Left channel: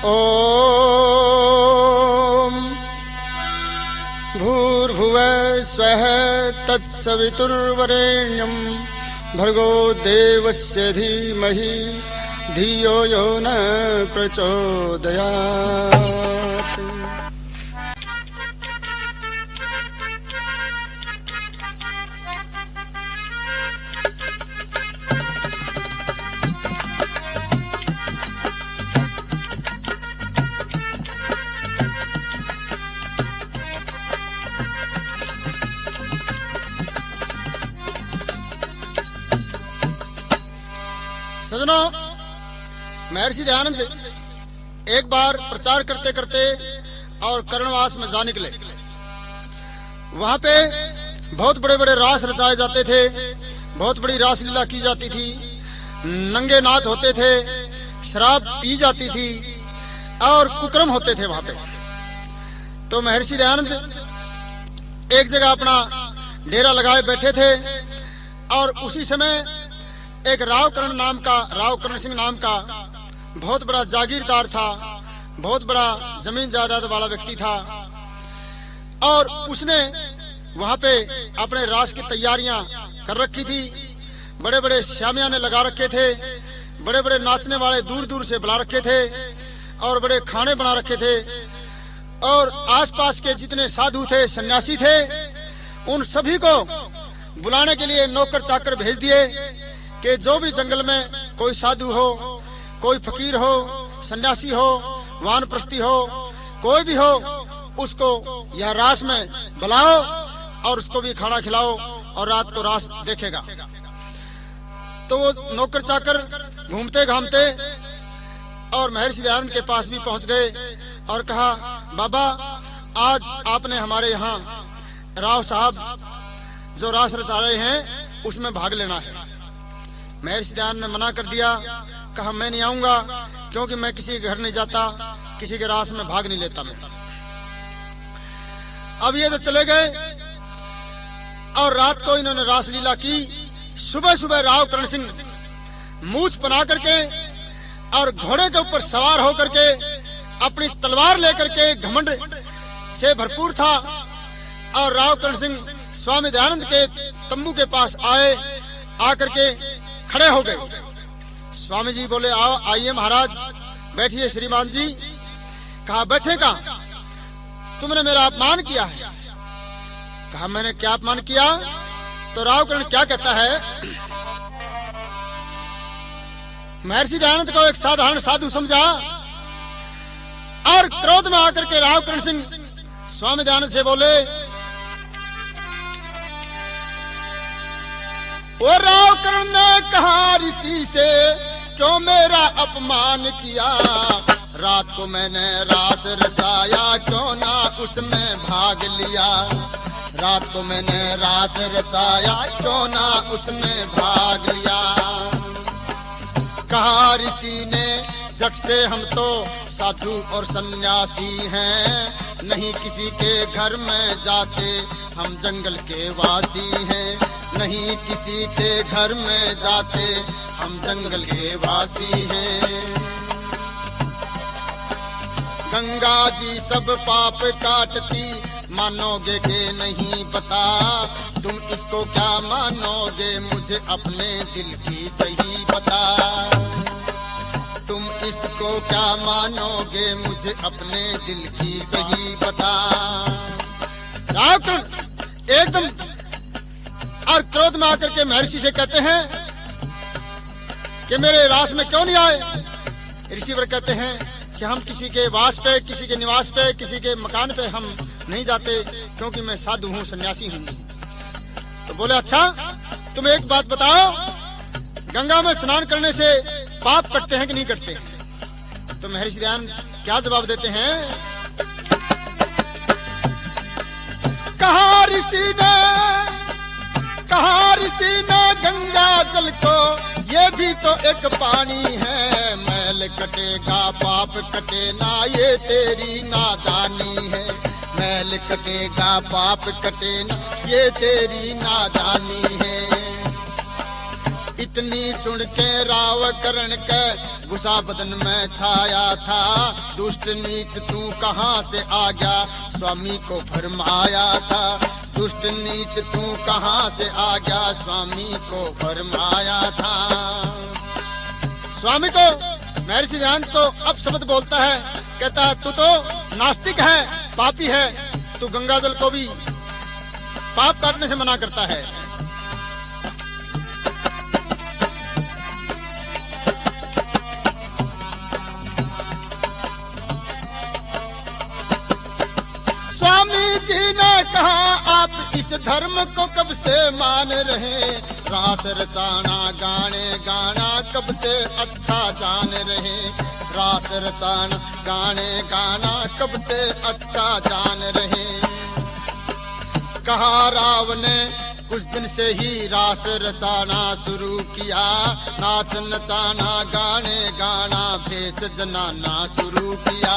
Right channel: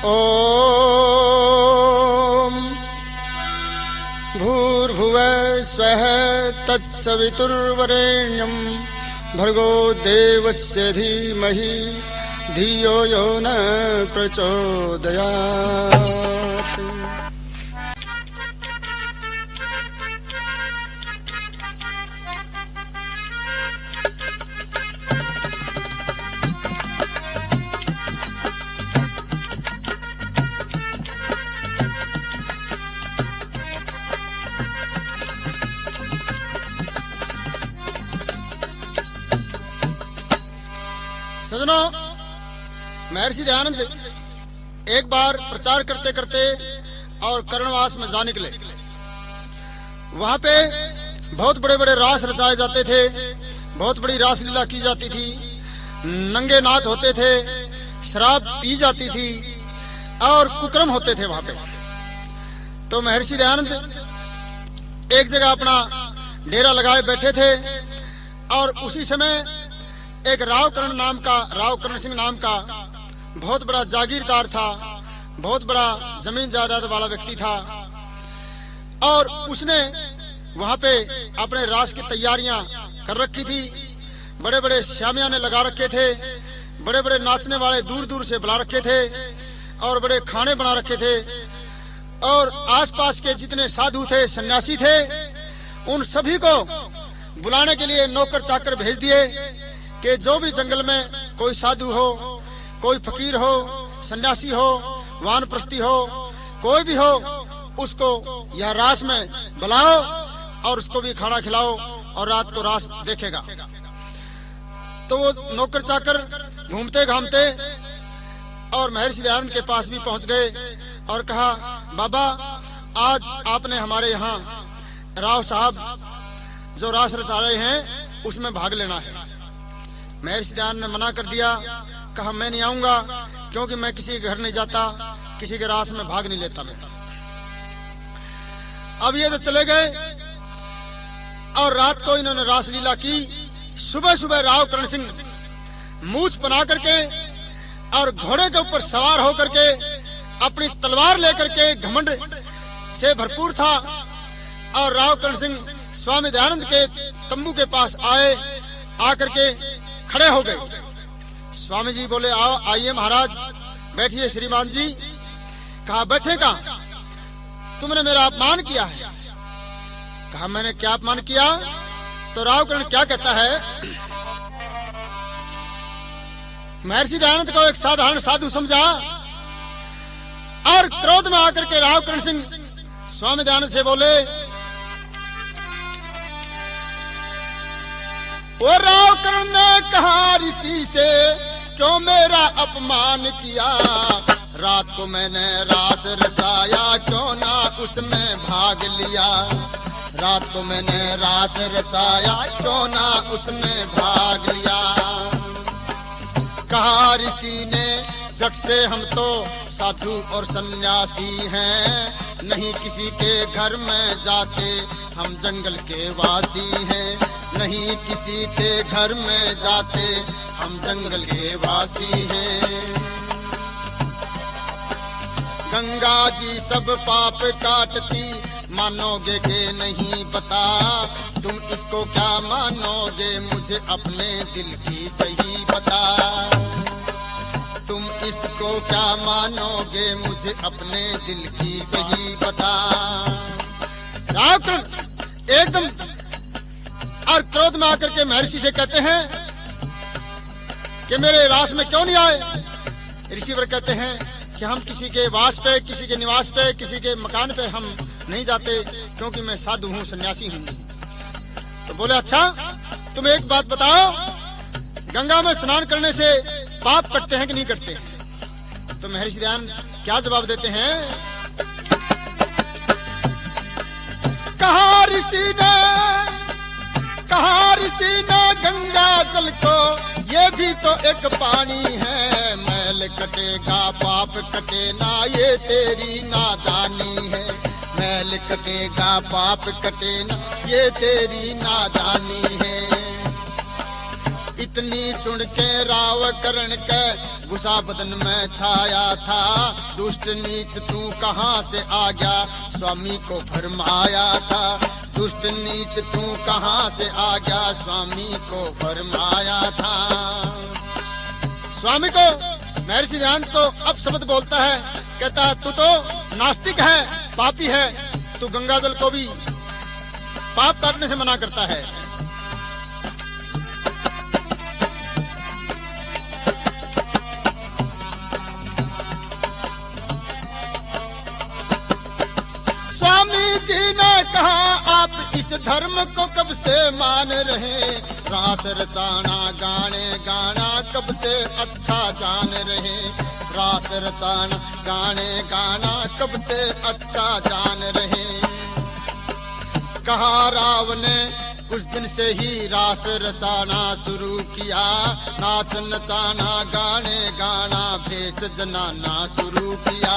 ओम भूर्भुवः स्वः तत्सवितुर्वरेण्यं भर्गो देवस्य धीमहि धियो यो न प्रचोदयात्। सजनों, महर्षि दयानंद एक बार प्रचार करते करते और कर्णवास में जा निकले। वहां पे बहुत बड़े बड़े रास रचाए जाते थे, बहुत बड़ी रासलीला की जाती थी, नंगे नाच होते थे, शराब पी जाती थी और कुकर्म होते थे वहां पे। तो महर्षि दयानंद एक जगह अपना डेरा लगाए बैठे थे और उसी समय एक राव कर्ण सिंह नाम का बहुत बड़ा जागीरदार था, बहुत बड़ा जमीन जायदाद वाला व्यक्ति था और उसने वहां पे अपने रास की तैयारियां कर रखी थी। बड़े बड़े शामियाने लगा रखे थे, बड़े बड़े नाचने वाले दूर दूर से बुला रखे थे और बड़े खाने बना रखे थे और आसपास के जितने साधु थे, सन्यासी थे, उन सभी को बुलाने के लिए नौकर चाकर भेज दिए कि जो भी जंगल में कोई साधु हो, कोई फकीर हो, सन्यासी हो, वानप्रस्थी हो, कोई भी हो, उसको यह रास में बुलाओ और उसको भी खाना खिलाओ और रात को रास देखेगा। तो वो नौकर चाकर घूमते घामते और महर्षि दयानंद के पास भी पहुंच गए और कहा, बाबा आज आपने हमारे यहाँ राव साहब जो रास रचा रहे हैं उसमें भाग लेना है। महर्षि दयानंद ने मना कर दिया, कहा मैं नहीं आऊंगा क्योंकि मैं किसी के घर नहीं जाता, किसी के रास में भाग नहीं लेता मैं। अब ये तो चले गए और रात को इन्होंने रासलीला की। सुबह सुबह राव कर्ण सिंह मूछ बना करके और घोड़े के ऊपर सवार होकर के अपनी तलवार लेकर के घमंड से भरपूर था और राव कर्ण सिंह स्वामी दयानंद के तंबू के पास आए, आकर के खड़े हो गए। स्वामी जी बोले, आओ आइए महाराज, बैठिए श्रीमान जी। कहा बैठेगा, तुमने मेरा अपमान किया है। कहा मैंने क्या अपमान किया? तो राव कर्ण क्या कहता है, महर्षि दयानंद को एक साधारण साधु समझा और क्रोध में आकर के राव कर्ण सिंह स्वामी दयानंद से बोले, वो राव कर्ण ने कहा ऋषि से क्यों मेरा अपमान किया, रात को मैंने रास रचाया क्यों ना उसमें भाग लिया, रात को मैंने रास रचाया क्यों ना उसमें भाग लिया। कहा ऋषि ने, जग से हम तो साधु और सन्यासी हैं, नहीं किसी के घर में जाते हम जंगल के वासी हैं, नहीं किसी के घर में जाते हम जंगल के वासी हैं। गंगा जी सब पाप काटती, मानोगे के नहीं बता, तुम इसको क्या मानोगे मुझे अपने दिल की सही बता, तुम इसको क्या मानोगे मुझे अपने दिल की सही बता। राव कर्ण एकदम और क्रोध में आकर के महर्षि से कहते हैं कि मेरे रास में क्यों नहीं आए। ऋषिवर कहते हैं कि हम किसी के वास पे, किसी के निवास पे, किसी के मकान पे हम नहीं जाते क्योंकि मैं साधु हूँ, सन्यासी हूँ। तो बोले अच्छा तुम एक बात बताओ, गंगा में स्नान करने से पाप कटते हैं कि नहीं कटते? तो महर्षि दयानंद क्या जवाब देते हैं, कहा ऋषि ने गंगा जल को, ये भी तो एक पानी है, मैल कटेगा पाप कटे ना, ये तेरी नादानी है, मैल कटेगा पाप कटे ना, ये तेरी नादानी है। इतनी सुन के राव करण के गुस्सा बदन में छाया था। दुष्ट नीच तू कहाँ से आ गया, स्वामी को फरमाया था। दुष्ट नीच तू कहाँ से आ गया, स्वामी को फरमाया था। स्वामी को महर्षि दयानंद को अब शब्द बोलता है, कहता है तू तो नास्तिक है, पापी है, तू गंगा जल को भी पाप काटने से मना करता है। स्वामी जी ने कहा आप इस धर्म को कब से मान रहे, रास रचाना गाने गाना कब से अच्छा जान रहे। रास रचाना गाने गाना कब से अच्छा जान रहे। कहा राव ने उस दिन से ही रास रचाना शुरू किया, नाच नचाना गाने गाना भेष जनाना शुरू किया।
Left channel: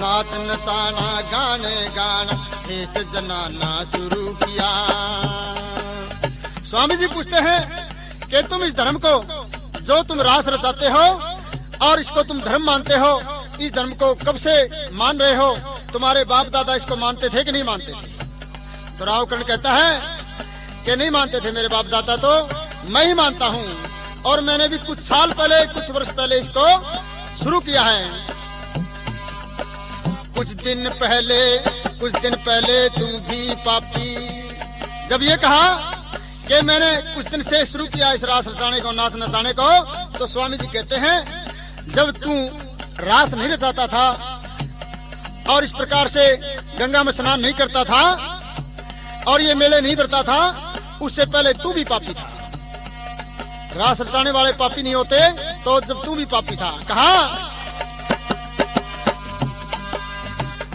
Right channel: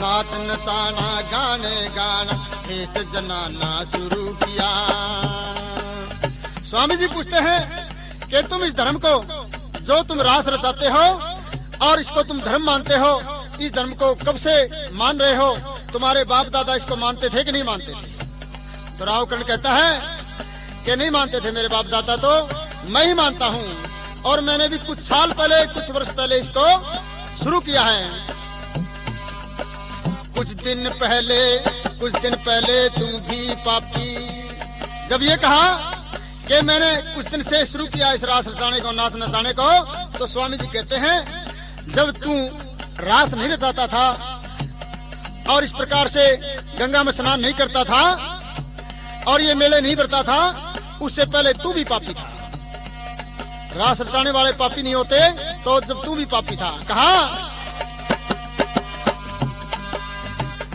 नाच नचाना गाने गाना भेष जनाना शुरू किया। स्वामी जी पूछते हैं कि तुम इस धर्म को जो तुम रास रचाते हो और इसको तुम धर्म मानते हो, इस धर्म को कब से मान रहे हो? तुम्हारे बाप दादा इसको मानते थे कि नहीं मानते थे? तो राव कर्ण कहता है कि नहीं मानते थे मेरे बाप दादा, तो मैं ही मानता हूँ और मैंने भी कुछ साल पहले, कुछ वर्ष पहले इसको शुरू किया है। कुछ दिन पहले तुम भी पापी। जब ये कहा कि मैंने कुछ दिन से शुरू किया इस रास रचाने को, नाच नचाने को, तो स्वामी जी कहते हैं जब तू रास नहीं रचाता था और इस प्रकार से गंगा में स्नान नहीं करता था और ये मेले नहीं भरता था, उससे पहले तू भी पापी था। रास रचाने वाले पापी नहीं होते, तो जब तू भी पापी था। कहा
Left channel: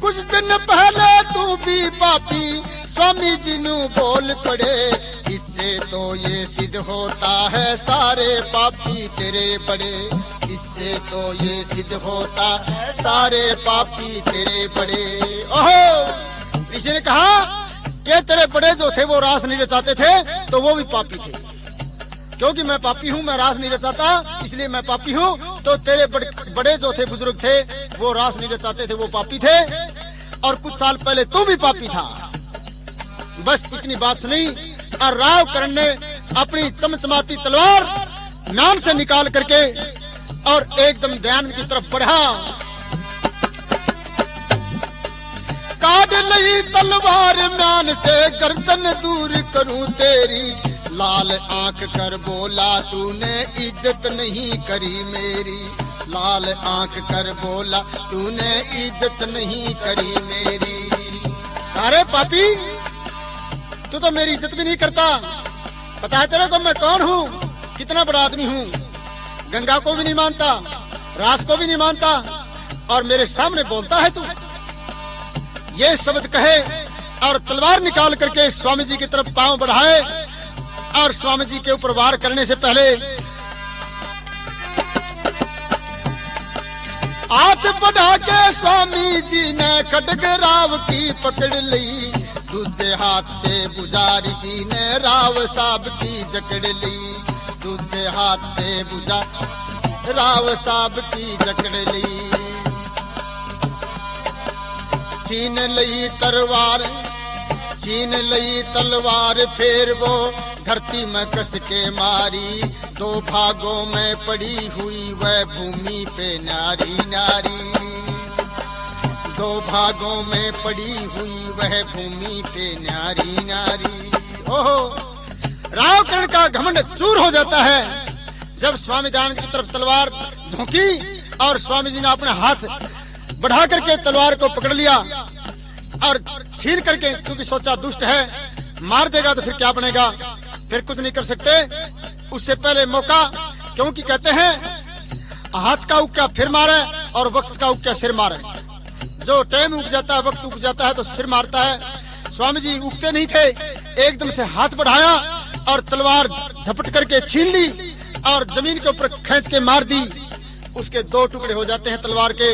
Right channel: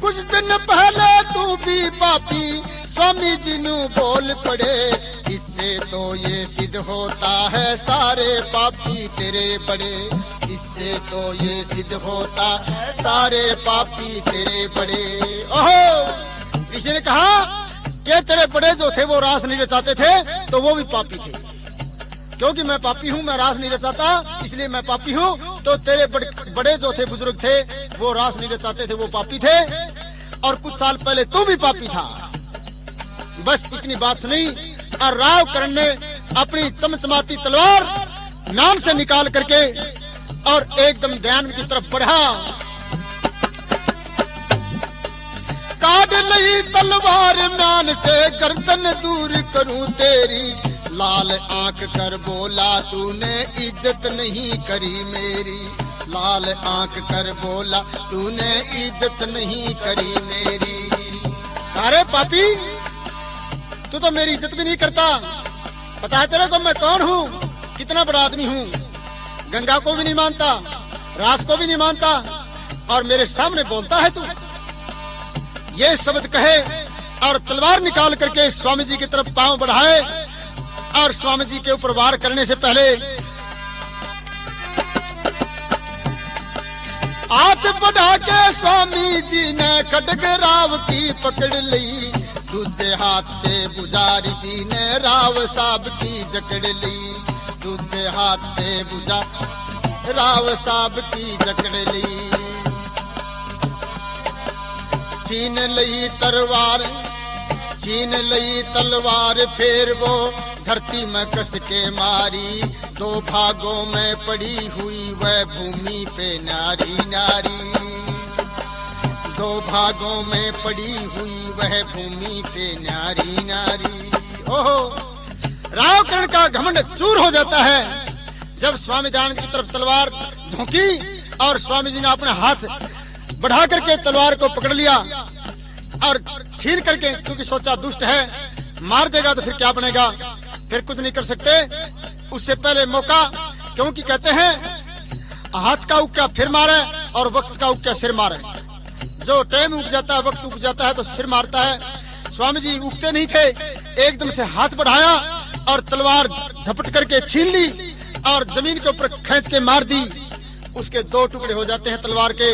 कुछ दिन पहले तू भी पापी, स्वामी जी नु बोल पड़े। इससे तो ये सिद्ध होता है सारे पापी तेरे बड़े। इससे तो ये सिद्ध होता है सारे पापी तेरे बड़े। ओहो, ऋषि ने कहा कि तेरे बड़े जो थे वो रास नहीं रचाते थे, तो वो भी पापी थे। क्योंकि मैं पापी हूँ, मैं रास नहीं रचाता, इसलिए मैं पापी हूँ। तो तेरे बड़े जो थे, बुजुर्ग थे, वो रास नहीं रचाते थे, वो पापी थे। और कुछ साल पहले तू भी पापी था। बस इतनी बात सुनी और राव कर्ण ने अपनी चमचमाती तलवार म्यान से निकाल करके और एकदम दयानंद की तरफ बढ़ा। काट ली तलवार म्यान से, गर्दन दूर करूं तेरी। लाल आंख कर बोला तूने इज्जत नहीं करी मेरी। लाल आंख कर बोला तूने इज्जत नहीं करी मेरी। अरे पापी, तू तो मेरी इज्जत भी नहीं करता। पता है तेरे को मैं कौन हूँ, कितना बड़ा आदमी हूँ। गंगा को भी नहीं मानता, रास को भी नहीं मानता और मेरे सामने बोलता है तू। ये शब्द कहे और तलवार निकाल करके स्वामी जी की तरफ पांव बढ़ाए और स्वामी जी के ऊपर वार करने से पहले हाथ बढ़ा के स्वामी जी ने खड्ग राव की पकड़ ली। दूसरे हाथ से बुझा ऋषि ने राव साहब की जकड़ ली। दूसरे हाथ से बुझा राव साहब की जकड़ ली। छीन लई तलवार फिर वो धरती में कस के मारी। दो भागों में पड़ी हुई वह भूमि पे नारी नारी। दो भागों में पड़ी हुई वह भूमि पे नारी नारी। ओहो, राव कर्ण का घमंड चूर हो जाता है जब स्वामी दयानंद की तरफ तलवार झोंकी और स्वामी जी ने अपने हाथ बढ़ा करके तलवार को पकड़ लिया और छीन करके, क्योंकि सोचा दुष्ट है, मार देगा तो फिर क्या बनेगा, फिर कुछ नहीं कर सकते। उससे पहले मौका, क्योंकि कहते हैं हाथ का उक्का फिर मारे और वक्त का उक्का सिर मारे। जो टाइम उग जाता है, वक्त उग जाता है तो सिर मारता है। स्वामी जी उगते नहीं थे, एकदम से हाथ बढ़ाया और तलवार झपट करके छीन ली और जमीन के ऊपर खींच के मार दी। उसके दो टुकड़े हो जाते हैं तलवार के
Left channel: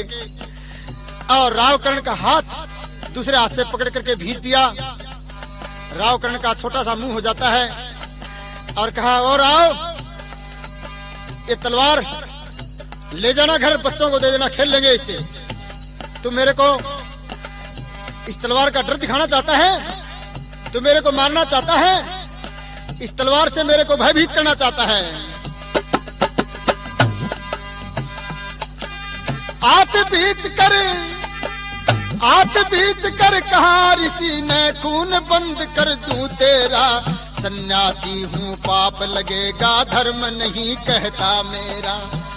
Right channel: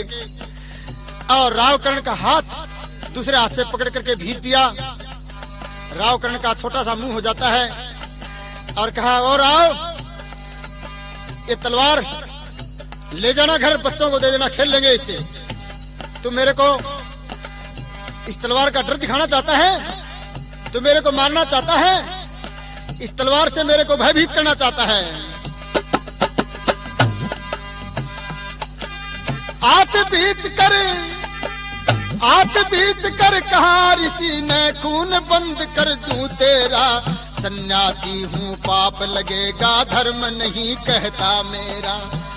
और राव कर्ण का हाथ दूसरे हाथ से पकड़ करके भींच दिया। राव कर्ण का छोटा सा मुंह हो जाता है और कहा और आओ, ये तलवार ले जाना घर, बच्चों को दे देना, खेल लेंगे इससे। तू मेरे को इस तलवार का डर दिखाना चाहता है, तू मेरे को मारना चाहता है, इस तलवार से मेरे को भयभीत करना चाहता है। आत बीच कर कहा ऋषि ने, खून बंद कर दूं तेरा, सन्यासी हूँ पाप लगेगा, धर्म नहीं कहता मेरा,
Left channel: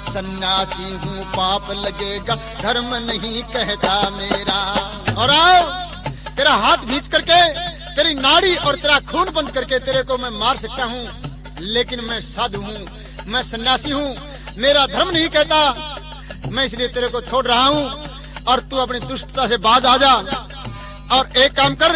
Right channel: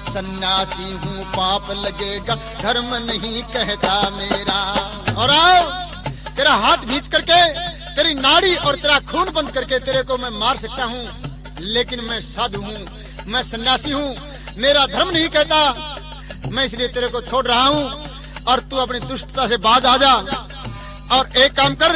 सन्यासी हूँ पाप लगेगा, धर्म नहीं कहता मेरा। और आओ, तेरा हाथ भींच करके, तेरी नाड़ी और तेरा खून बंद करके तेरे को मैं मार सकता हूँ, लेकिन मैं साधु हूँ, मैं सन्यासी हूँ, मेरा धर्म नहीं कहता, मैं इसलिए तेरे को छोड़ रहा हूँ, और तू अपनी दुष्टता से बाज आ जा। और एक काम कर,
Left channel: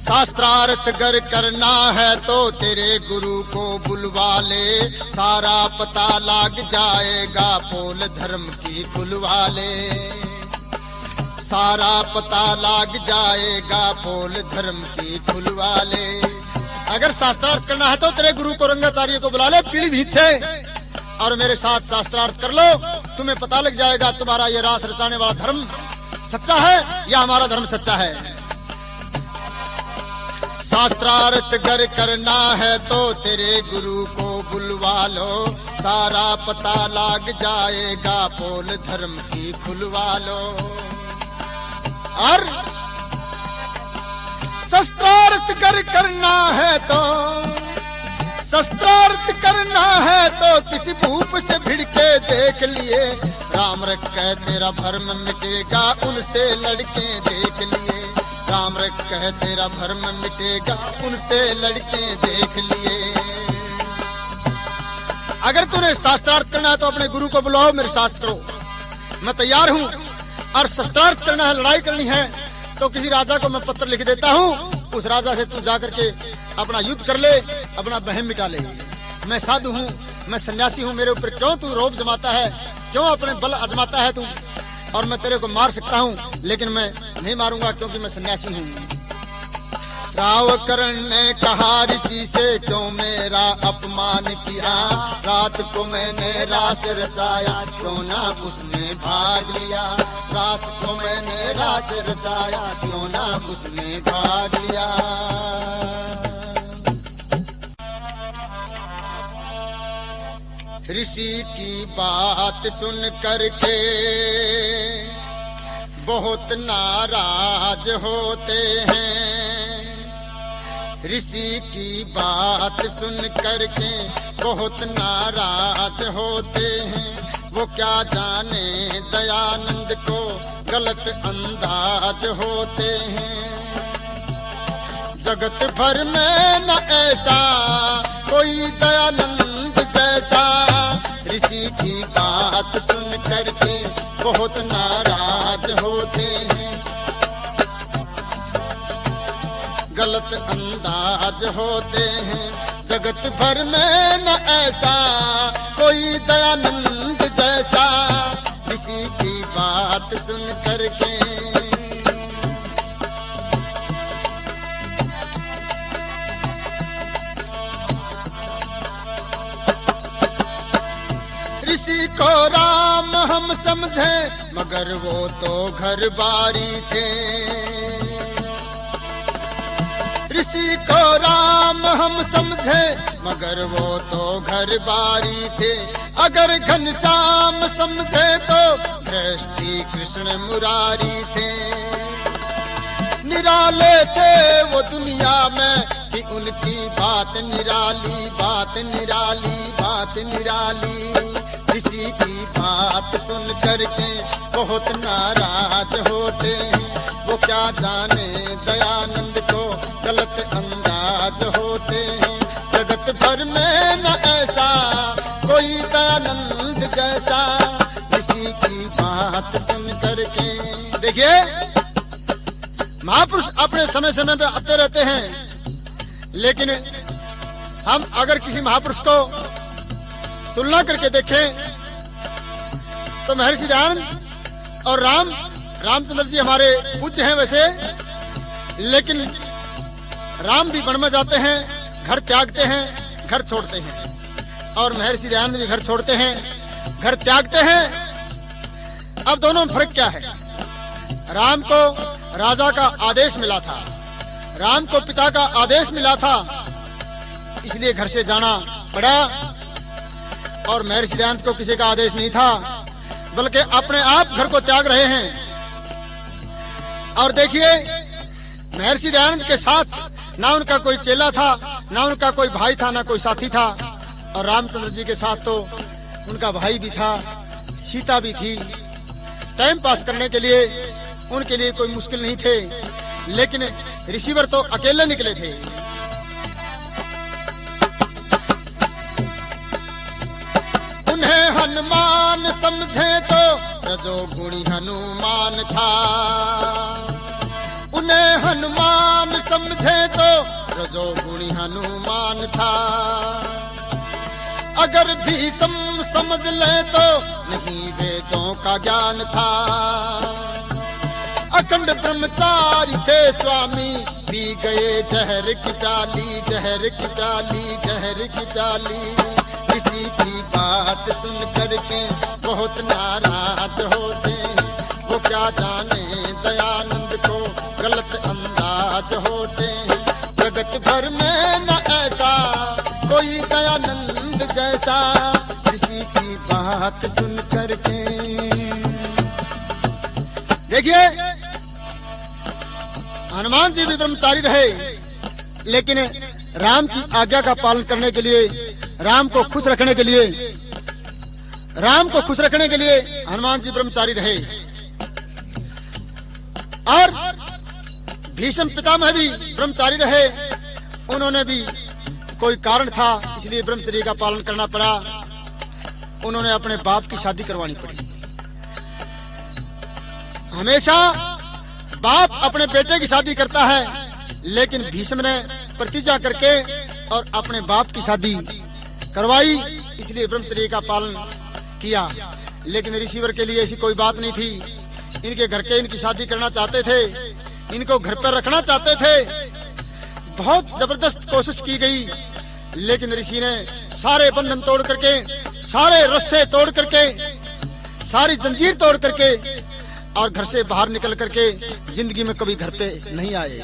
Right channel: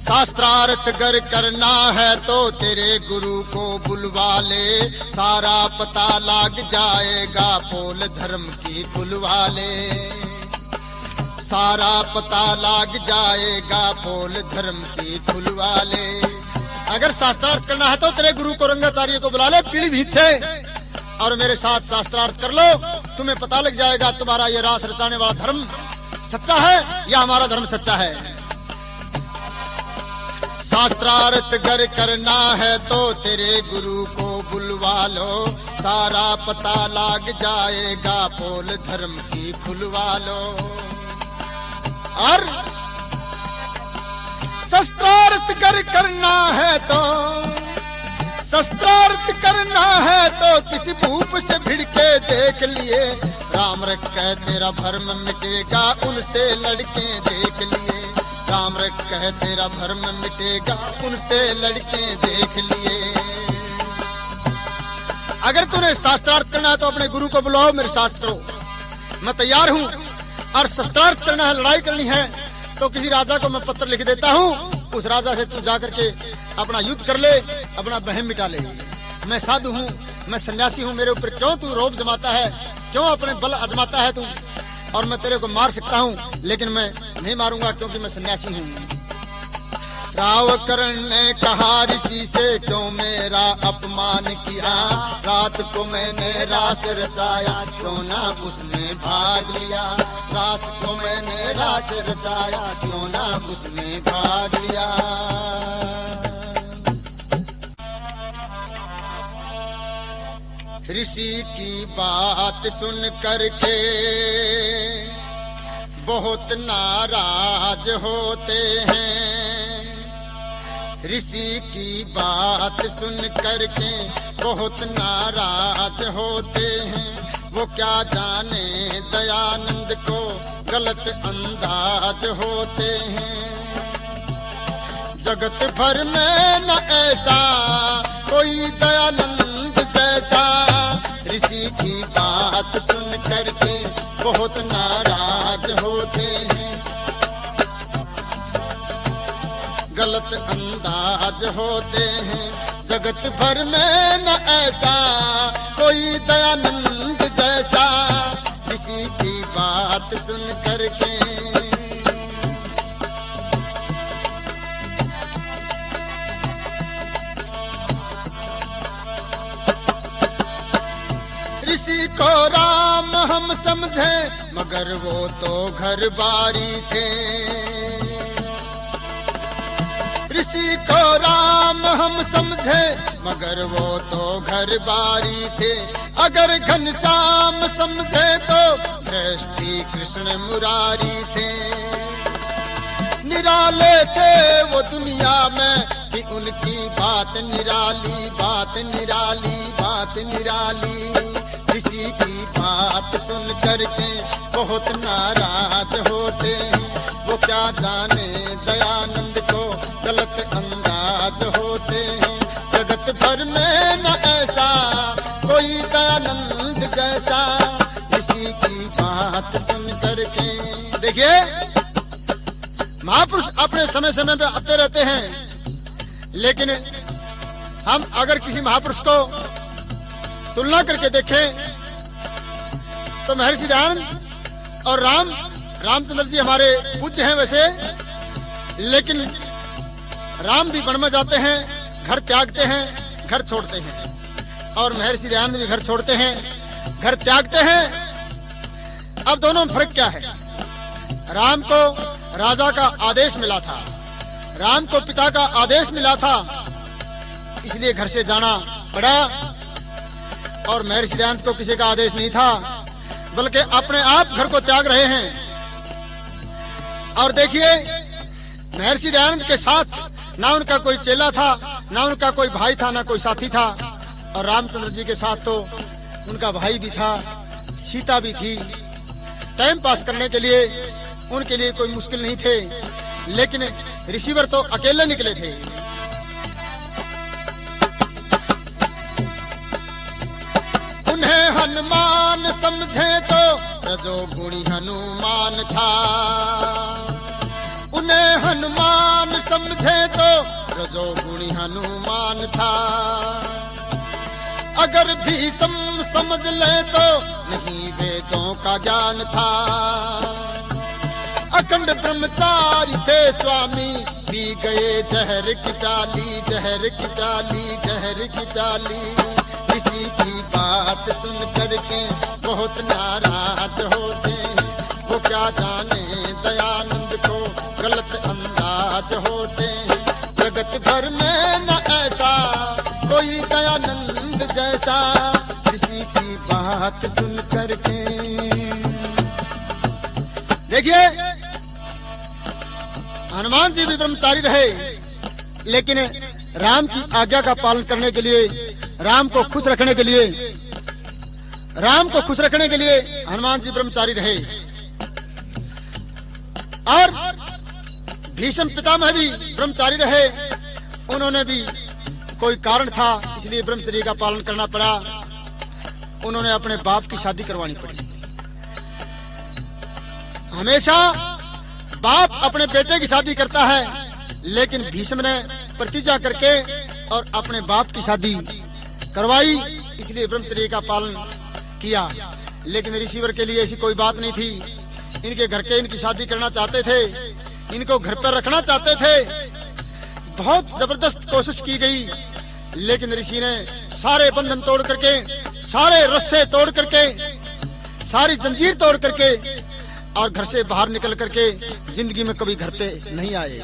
शास्त्रार्थ गर करना है तो तेरे गुरु को बुलवा ले, सारा पता लग जाएगा, पोल धर्म की खुलवा ले, सारा पता लग जाएगा, पोल धर्म की खुलवा ले। अगर शास्त्रार्थ करना है तो तेरे गुरु को, रंगाचार्य को बुला ले पीलीभीत से, और मेरे साथ शास्त्रार्थ कर लो, तुम्हें पता लग जाएगा तुम्हारा ये रास रचाने वाला धर्म सच्चा है या हमारा धर्म सच्चा है। शास्त्रार्थ गर करना है तो तेरे गुरु को बुलवा लो, सारा पता लग जाएगा, पोल धर्म की खुलवा लो। और शस्त्रार्थ गर करना है तो, शस्त्रार्थ करना है तो किसी भूप से भिड़ के देख लिए, राम रखे तेरा भरम मिटेगा, उनसे लड़के देख लिए, राम रखे तेरा भरम मिटेगा, उनसे लड़के देख लिए। अगर तूने शास्त्रार्थ करना है तो अपने गुरु को बुलाओ, मेरे साथ करो, मैं तैयार हूँ। और शस्त्रार्थ करना है, लड़ाई करनी है, तो किसी राजा को मैं पत्र लिख देता हूँ, उस राजा से तू जाकर के अपना युद्ध कर ले, अपना बहम मिटा ले। मैं साधु हूँ, मैं सन्यासी हूँ, मेरे ऊपर क्यों तू रोब जमाता है, क्यों अपने बल आजमाता है तू, और मैं तेरे को मार सकता हूँ, लेकिन मैं नहीं मारूंगा क्योंकि मैं सन्यासी हूँ। रावकरण ने कहा ऋषि से, क्यों मेरा अपमान किया, रात को मैंने रास रचाया, क्यों ना उसने भाग लिया, रात को मैंने रास रचाया, क्यों ना उसने भाग लिया। ऋषि की बात सुन करके बहुत नाराज होते हैं, ऋषि की बात सुन करके बहुत नाराज होते हैं, वो क्या जाने दयानंद को गलत अंदाज होते हैं। जगत भर में न ऐसा कोई दयानंद जैसा, ऋषि की बात सुन करके बहुत नाराज होते हैं, गलत अंदाज होते हैं। जगत भर में न ऐसा कोई दयानंद जैसा, ऋषि की बात सुन करके। ऋषि को राम हम समझे, मगर वो तो घर बारी थे, ऋषि को राम हम समझे, मगर वो तो घर बारी थे। अगर घनश्याम समझे तो श्री कृष्ण मुरारी थे। निराले थे वो दुनिया में कि उनकी बात निराली, बात निराली, बात निराली। ऋषि की बात सुन करके बहुत नाराज होते हैं, वो क्या जाने दयानंद को गलत अंदाज होते हैं। जगत भर में न ऐसा कोई दयानंद जैसा, ऋषि की बात सुन करके। देखिए, महापुरुष अपने समय समय पे आते रहते हैं, लेकिन हम अगर किसी महापुरुष को तुलना करके देखें तो महर्षि दयानंद और रामचंद्र जी हमारे पूज्य हैं वैसे, लेकिन राम भी वन में जाते हैं, घर त्यागते हैं, घर छोड़ते हैं, और महर्षि दयानंद भी घर छोड़ते हैं, घर त्यागते हैं। अब दोनों में फर्क क्या है? राम को राजा का आदेश मिला था, राम को पिता का आदेश मिला था, इसलिए घर से जाना पड़ा, और महर्षि दयानंद को किसी का आदेश नहीं था, बल्कि अपने आप घर को त्याग रहे हैं। और देखिए, महर्षि दयानंद के साथ ना उनका कोई चेला था, ना उनका कोई भाई था, ना कोई साथी था, और रामचंद्र जी के साथ तो उनका भाई भी था, सीता भी थी। टाइम पास करने के लिए उनके लिए कोई मुश्किल नहीं थे, लेकिन रिसीवर तो अकेले निकले थे। उन्हें हनुमान समझे तो रजोगुणी हनुमान था, उन्हें हनुमान समझे तो रजोगुणी हनुमान था। अगर भी समझ ले तो नहीं वेदों का ज्ञान था। अखंड ब्रह्मचारी थे स्वामी, पी गए जहर की प्याली, जहर की प्याली, जहर की प्याली। किसी की बात सुन करके बहुत नाराज होते हैं, वो क्या जाने दयानंद को गलत अंदाज होते हैं। जगत भर में न ऐसा कोई दयानंद जैसा, किसी की बात सुन करके। देखिए, हनुमान जी भी ब्रह्मचारी रहे, लेकिन राम की आज्ञा का पालन करने के लिए, राम को खुश रखने के लिए, राम को खुश रखने के लिए हनुमान जी ब्रह्मचारी रहे। और भीष्म पितामह भी ब्रह्मचारी रहे, उन्होंने भी कोई कारण था, इसलिए ब्रह्मचर्य का पालन करना पड़ा। उन्होंने अपने बाप की शादी करवानी पड़ी। हमेशा बाप अपने बेटे की शादी करता है, लेकिन भीष्म ने प्रतिज्ञा करके और अपने बाप की शादी करवाई, इसलिए ब्रह्मचर्य का पालन किया। लेकिन रिसीवर के लिए ऐसी कोई बात नहीं थी। इनके घर के इनकी शादी करना चाहते थे, इनको घर पर रखना चाहते थे। बहुत जबरदस्त कोशिश की गई, लेकिन ऋषि ने सारे बंधन तोड़ करके, सारे रस्से तोड़ करके, सारी जंजीर तोड़ करके और घर से बाहर निकल करके जिंदगी में कभी घर पे नहीं आए।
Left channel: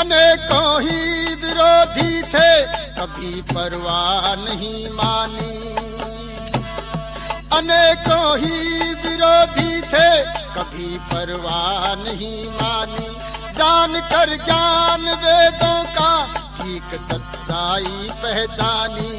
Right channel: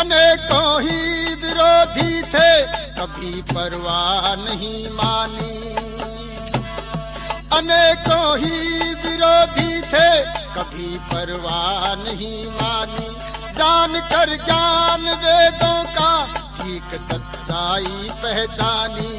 अनेकों ही विरोधी थे, कभी परवाह नहीं मानी। अनेकों ही विरोधी थे, कभी परवाह नहीं मानी। जान कर ज्ञान वेदों का ठीक सच्चाई पहचानी।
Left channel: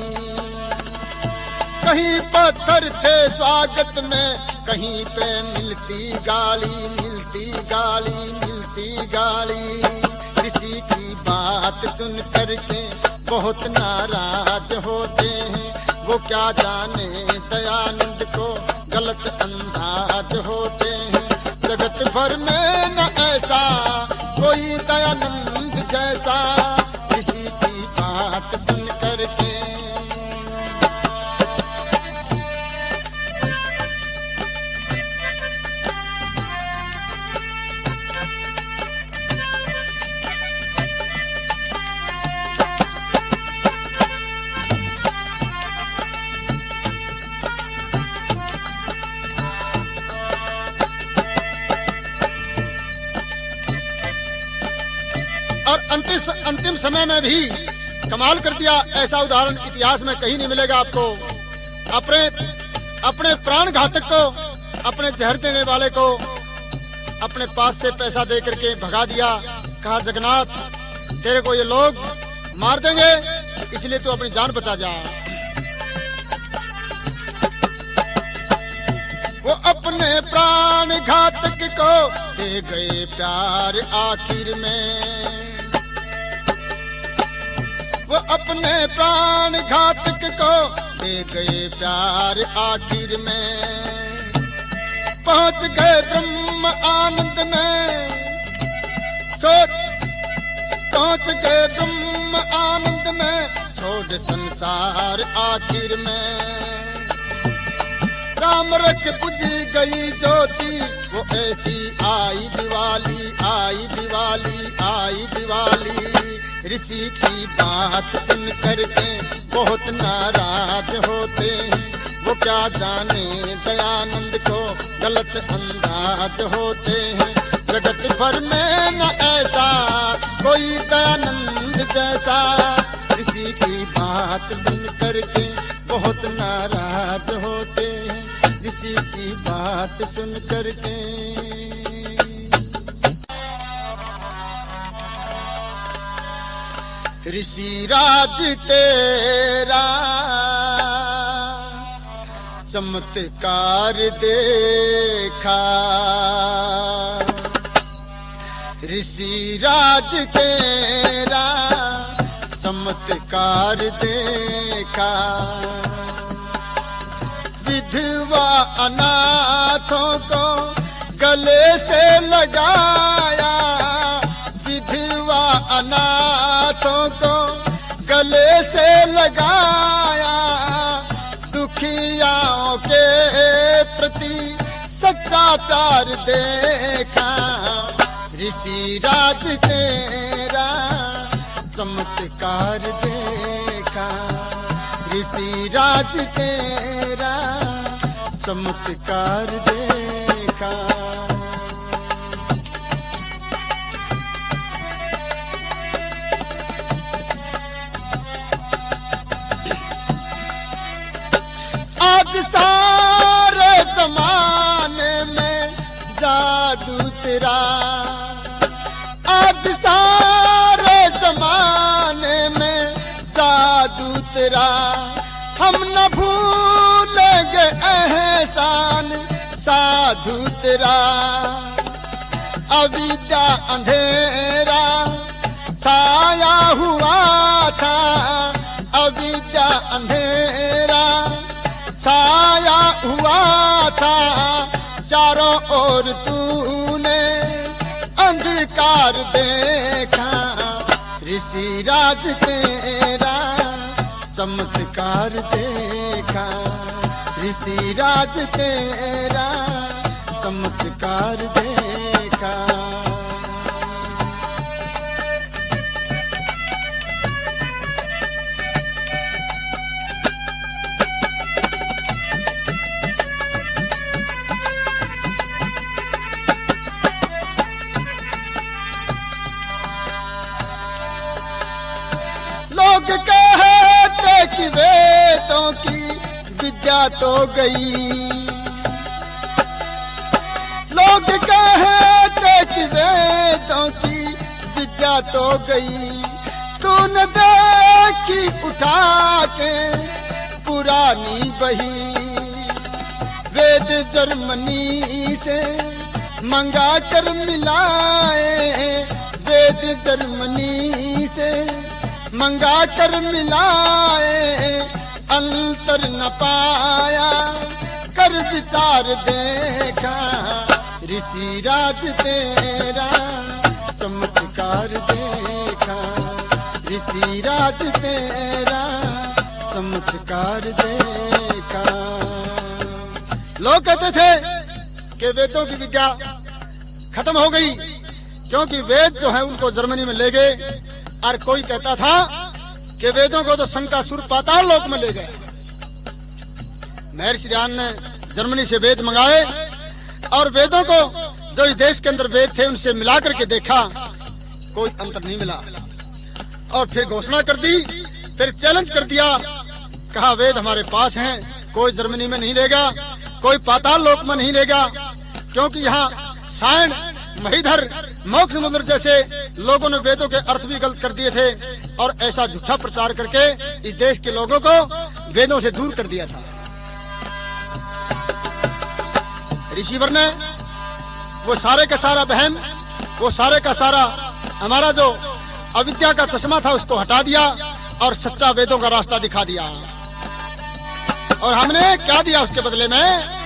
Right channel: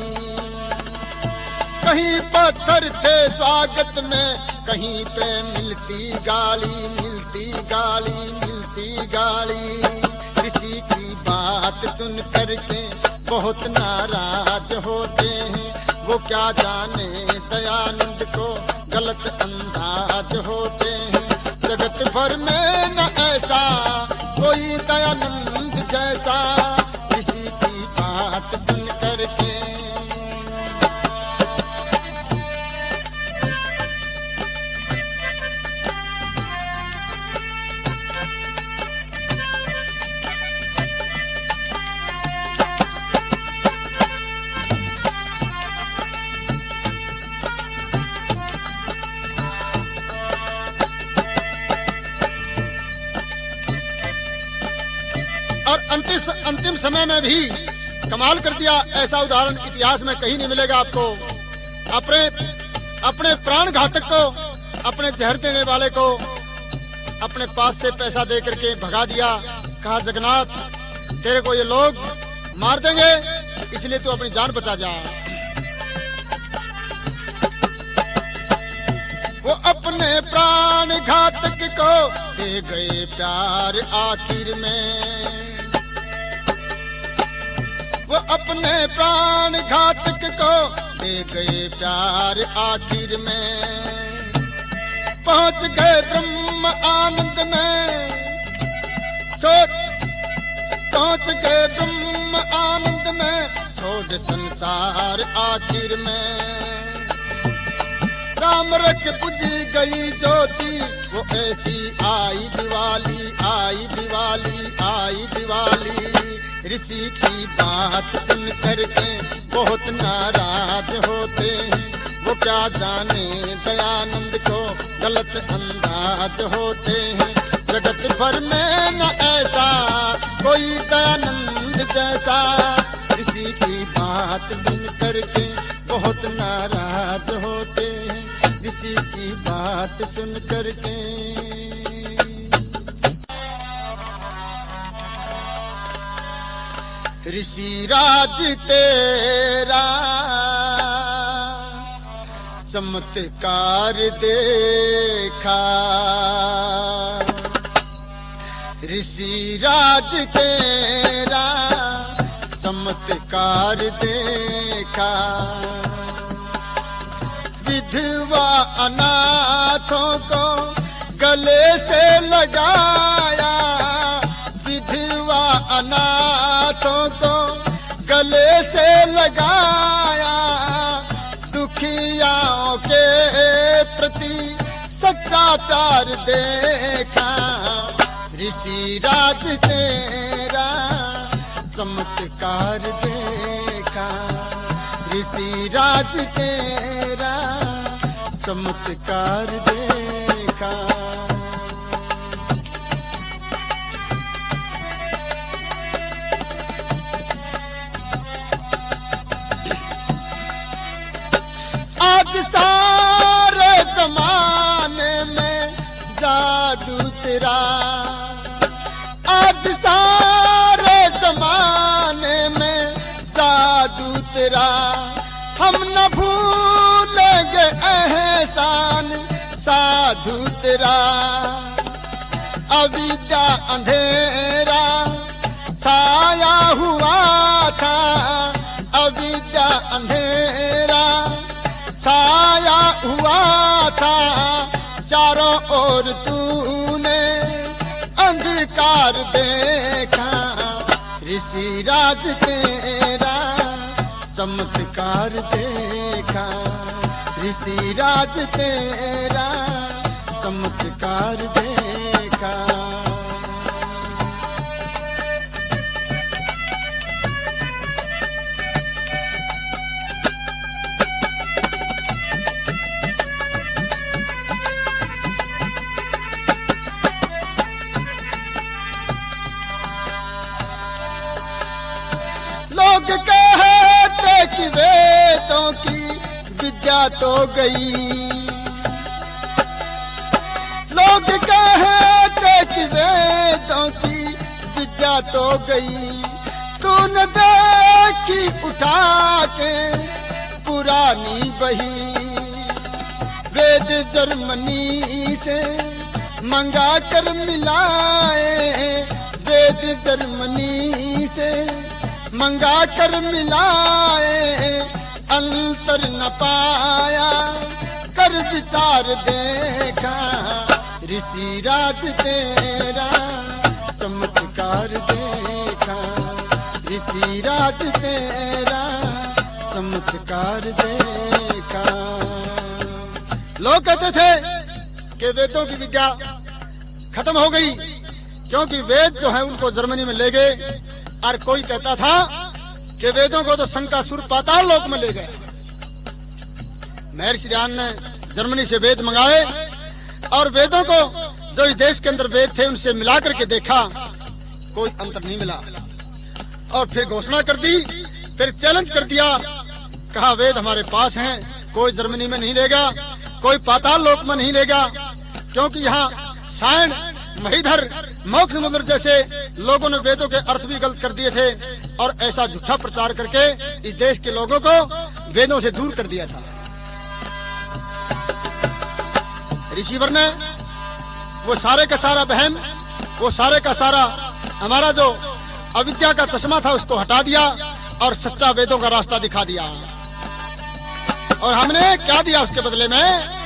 कहीं पत्थर थे स्वागत में, कहीं पे मिलती गाली, मिलती गाली, मिलती गाली। किसी की बात सुन करके बहुत नाराज होते हैं, वो क्या जाने दयानंद को गलत अंदाज होते हैं। जगत भर में न ऐसा कोई दयानंद जैसा, किसी की बात सुन करके। और अंतिम समय में भी कमाल कर दिया। ऐसा उदाहरण इतिहास में कहीं नहीं मिलेगा आपको। अपने प्राण घातक को, अपने जहर देने वाले को अपने पास से पैसा दे करके भगा दिया। कहा, जगन्नाथ तेरे को ये लोग मार देंगे, इसलिए तू अपनी जान बचा जा। वो अपने प्राण घातक को दे गए प्यार आखिर में। वो अपने प्राण घातक को दे गए प्यार आखिर में। पहुंच गए ब्रह्म आनंद में, पहुंच गए ब्रह्म आनंद में। छोड़ संसार आखिर में। राम रख बुझ गई ज्योति, वो ऐसी आई दिवाली, आई दिवाली, आई दिवाली। ऋषि की बात सुन करके बहुत नाराज होते हैं, वो क्या जाने दयानंद को गलत अंदाज होते हैं। जगत भर में न ऐसा कोई दयानंद जैसा, ऋषि की बात सुन करके बहुत नाराज होते हैं, ऋषि की बात सुन करके। ऋषि राज तेरा चमत्कार देखा, ऋषि राज तेरा चमत्कार देखा। विधवा अनाथों को गले से लगाया, विधवा अनाथों को गले से लगाया। दुखियाओं के प्रति सच्चा प्यार देखा, ऋषि राज तेरा चमत्कार देखा, ऋषि राज तेरा चमत्कार देखा। आज सारे जमाने में जादू तेरा, आज सारे जमाने में जादू तेरा। हम न भूलेंगे एहसान साधु तेरा। अविद्या अंधेरा छाया हुआ था, अविद्या अंधेरा छाया हुआ था। चारों ओर तूने अंधकार देखा, ऋषि राज तेरा चमत्कार देखा, ऋषि राज तेरा चमत्कार देखा। लोग कहते कि वेदों की विद्या तो गई, लोग कहते कि वेदों की विद्या तो गई। तूने देखी उठा के पुरानी बही, वेद जर्मनी से मंगा कर मिलाए, वेद जर्मनी से मंगा कर मिलाए। अंतर न पाया कर विचार देखा, ऋषि राज तेरा चमत्कार देखा, ऋषि राज तेरा चमत्कार देखा। लोग कहते थे कि वेदों की विद्या खत्म हो गई, क्योंकि वेद जो है उनको जर्मनी में ले गए। और कोई कहता था कि वेदों को तो शंकासुर पाताल लोक में ले गए। महर्षि दयानंद ने जर्मनी से वेद मंगाए और वेदों को जो इस देश के अंदर वेद थे उनसे मिलाकर के देखा, कोई अंतर नहीं मिला। और फिर घोषणा कर दी, फिर चैलेंज कर दिया, कहा वेद हमारे पास हैं, कोई जर्मनी में नहीं लेगा, कोई पाताल लोक में नहीं लेगा, क्योंकि यहाँ सायण महीधर मोक्ष मुद्र जैसे लोगों ने वेदों के अर्थ भी गलत कर दिए थे और ऐसा झूठा प्रचार करके इस देश के लोगों को वेदों से दूर कर दिया था। ऋषिवर ने वो सारे का सारा वहम, वो सारे का सारा हमारा जो अविद्या का चश्मा था उसको हटा दिया और सच्चा वेदों का रास्ता दिखा दिया। और हमने क्या दिया उसके बदले में?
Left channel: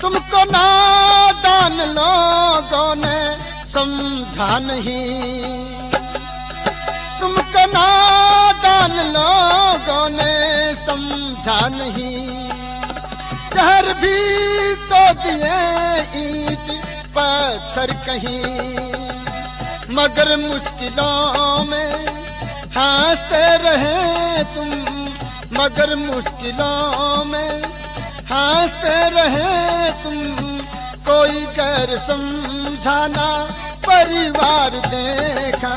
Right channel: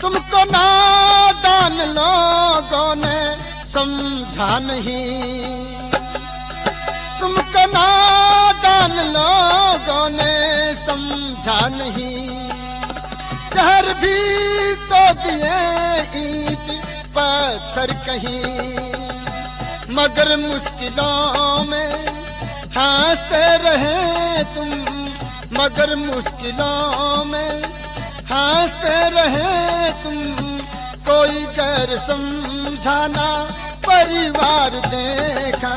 तुमको नादान नादान लोगों ने समझा नहीं, तुमको नादान लोगों ने समझा नहीं। जहर भी तो दिए ईंट पत्थर कहीं, मगर मुश्किलों में हंसते रहे तुम, मगर मुश्किलों में हंसते रहे तुम। कोई गैर समझाना परिवार देखा,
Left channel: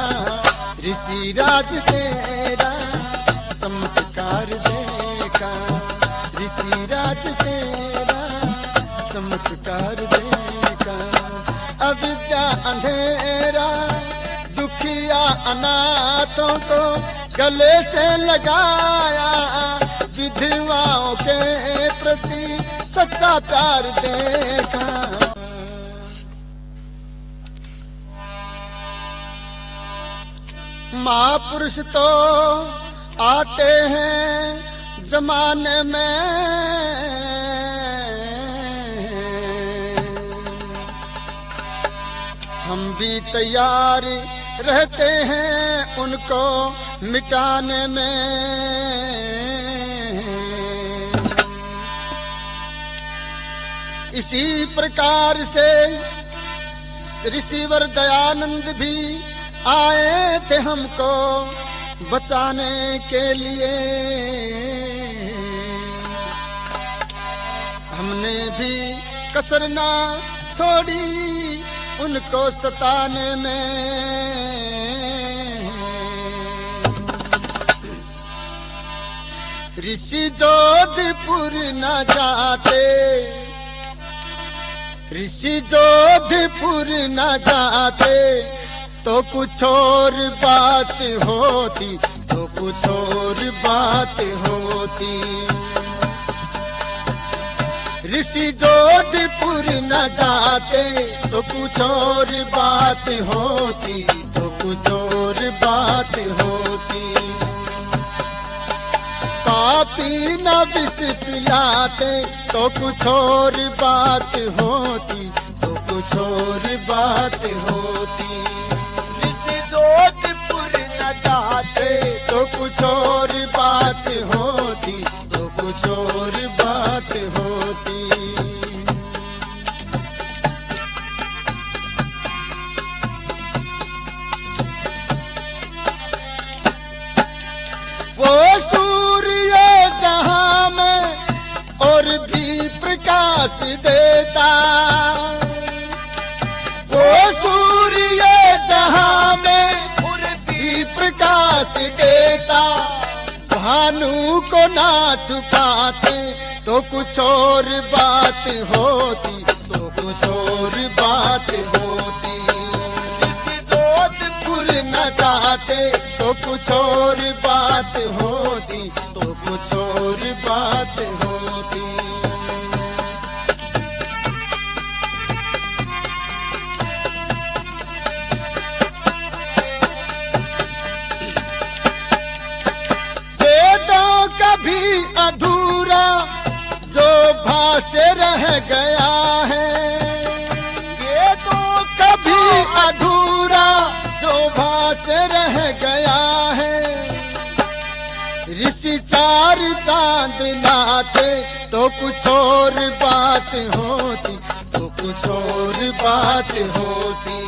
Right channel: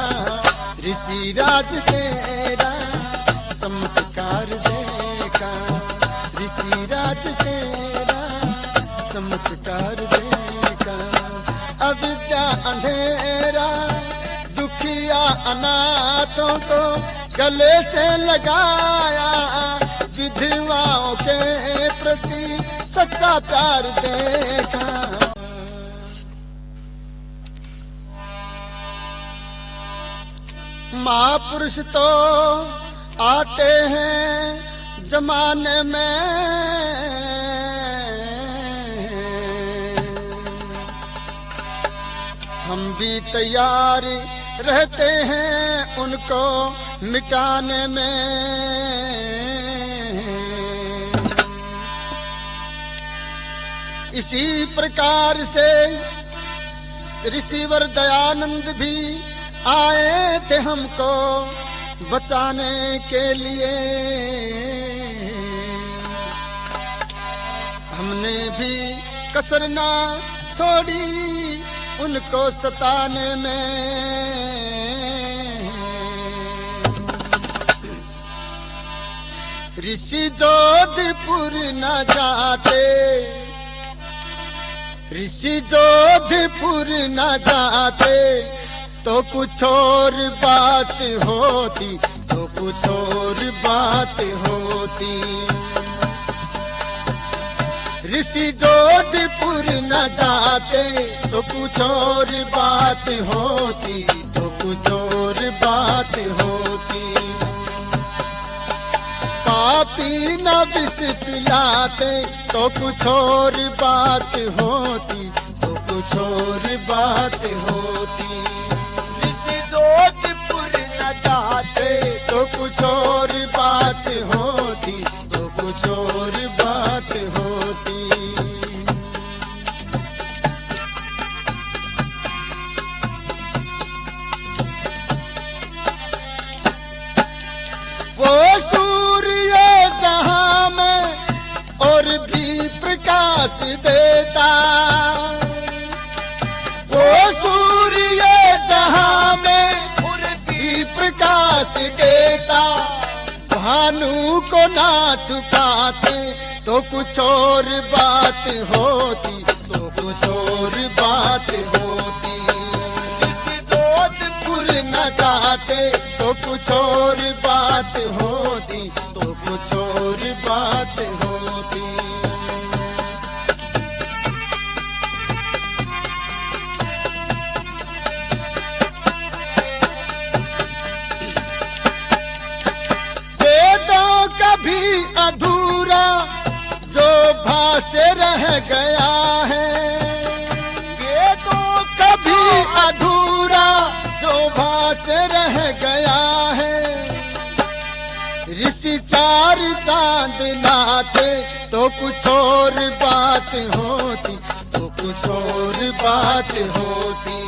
ऋषिराज तेरा चमत्कार देखा, ऋषिराज तेरा चमत्कार देखा। अविद्या अंधेरा दुखिया अनाथों को गले से लगाया, विधवाओं के प्रति सच्चा प्यार देखा। महापुरुष तो आते हैं जमाने में, हम भी तैयार रहते हैं उनको मिटाने में। इसी प्रकार से ऋषिवर दयानंद भी आए थे हमको बचाने के लिए। हमने भी कसर ना छोड़ी उनको सताने में। ऋषि जोधपुर न जाते, ऋषि जोधपुर न जाते तो कुछ और बात होती, तो कुछ और बात होती। ऋषि जोधपुर न जाते तो कुछ और बात होती, तो कुछ और बात होती। पापी न विष पिलाते तो कुछ और बात होती, तो कुछ और बात होती। ऋषि जोधपुर न जाते तो कुछ और बात होती, तो कुछ और बात होती। वो सूर्य जहां में और भी प्रकाश देता, वो सूर्य जहां में और भी प्रकाश देता। भानु को ना छुपाते तो कुछ और बात होती, तो कुछ और बात होती। ऋषि जोधपुर न जाते तो कुछ और बात होती, तो कुछ और बात होती। वेदों का भी अधूरा जो भाष्य रह गया है, वेदों का भी अधूरा जो भाष्य रह गया है। ऋषि चार चांद लाते तो कुछ और बात होती, तो कुछ और बात होती।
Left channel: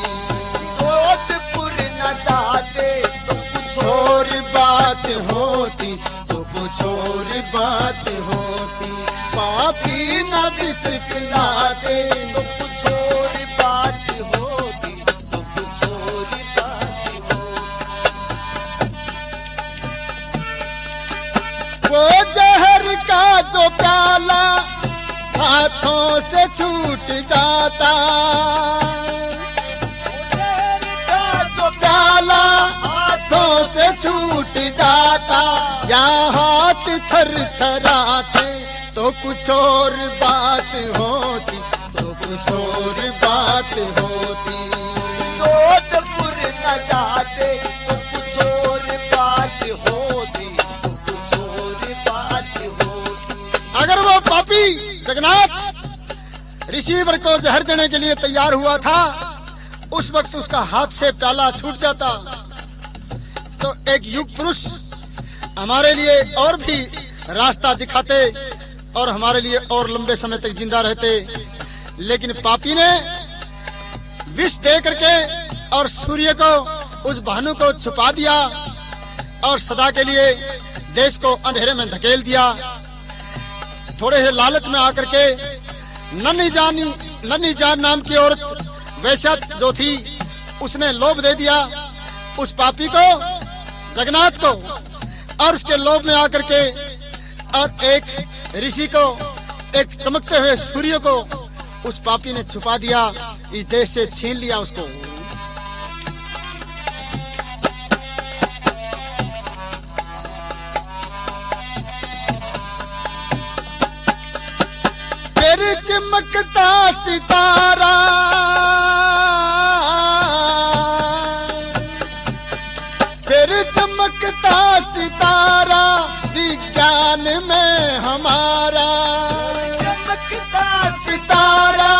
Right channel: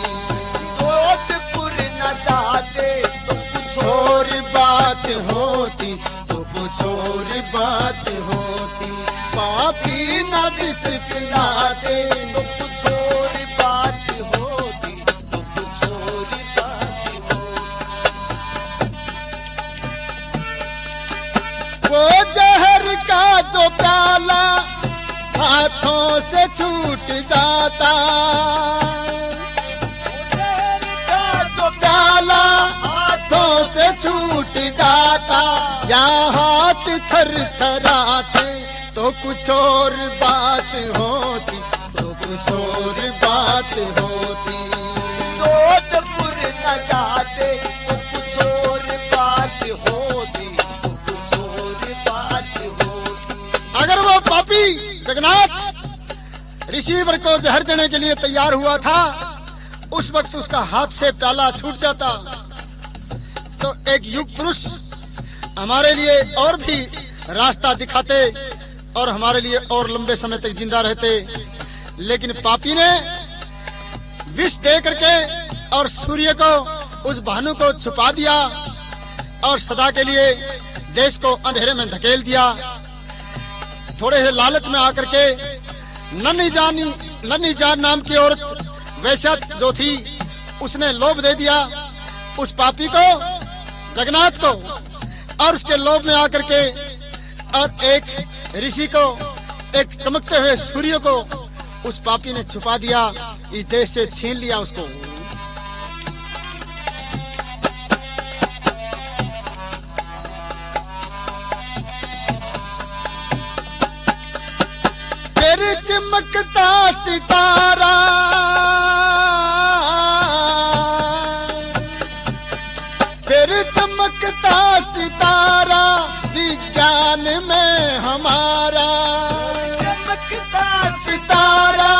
जोधपुर न जाते तो कुछ और बात होती, तो कुछ और बात होती। पापी न विष पिलाते तो कुछ और बात होती, तो कुछ और बात होती। वो जहर का जो प्याला हाथों से छूट जाता, जहर का जो प्याला हाथों से छूट जाता। या हाथ थर थराते तो कुछ और बात होती, तो कुछ और बात होती। जोधपुर न जाते तो कुछ और बात होती, तो कुछ और बात होती। अगर वो पापी जगन्नाथ रिसीवर को जहर देने के लिए तैयार हुआ था, उस वक्त उसका हाथ से प्याला छूट जाता तो एक युग पुरुष हमारे लिए और भी रास्ता दिखाते और हमारे लिए और लंबे समय तक जिंदा रहते। लेकिन पापी ने विष दे करके और सूर्य को, उस भानु को छुपा दिया और सदा के लिए देश को अंधेरे में धकेल दिया। थोड़े से लालच में आकर के नन्ही जान नाम की औरत वैश्या जो थी, उसने लोभ दे दिया उस पापी को, जगन्नाथ को, और उसके लोभ में आकर के और एक ऋषि को, एक चमकते हुए सूर्य को उस पापी ने छुपा दिया, इस देश से छीन लिया उसको। फिर चमकता सितारा, फिर चमकता सितारा विज्ञान में हमारा, चमकता सितारा,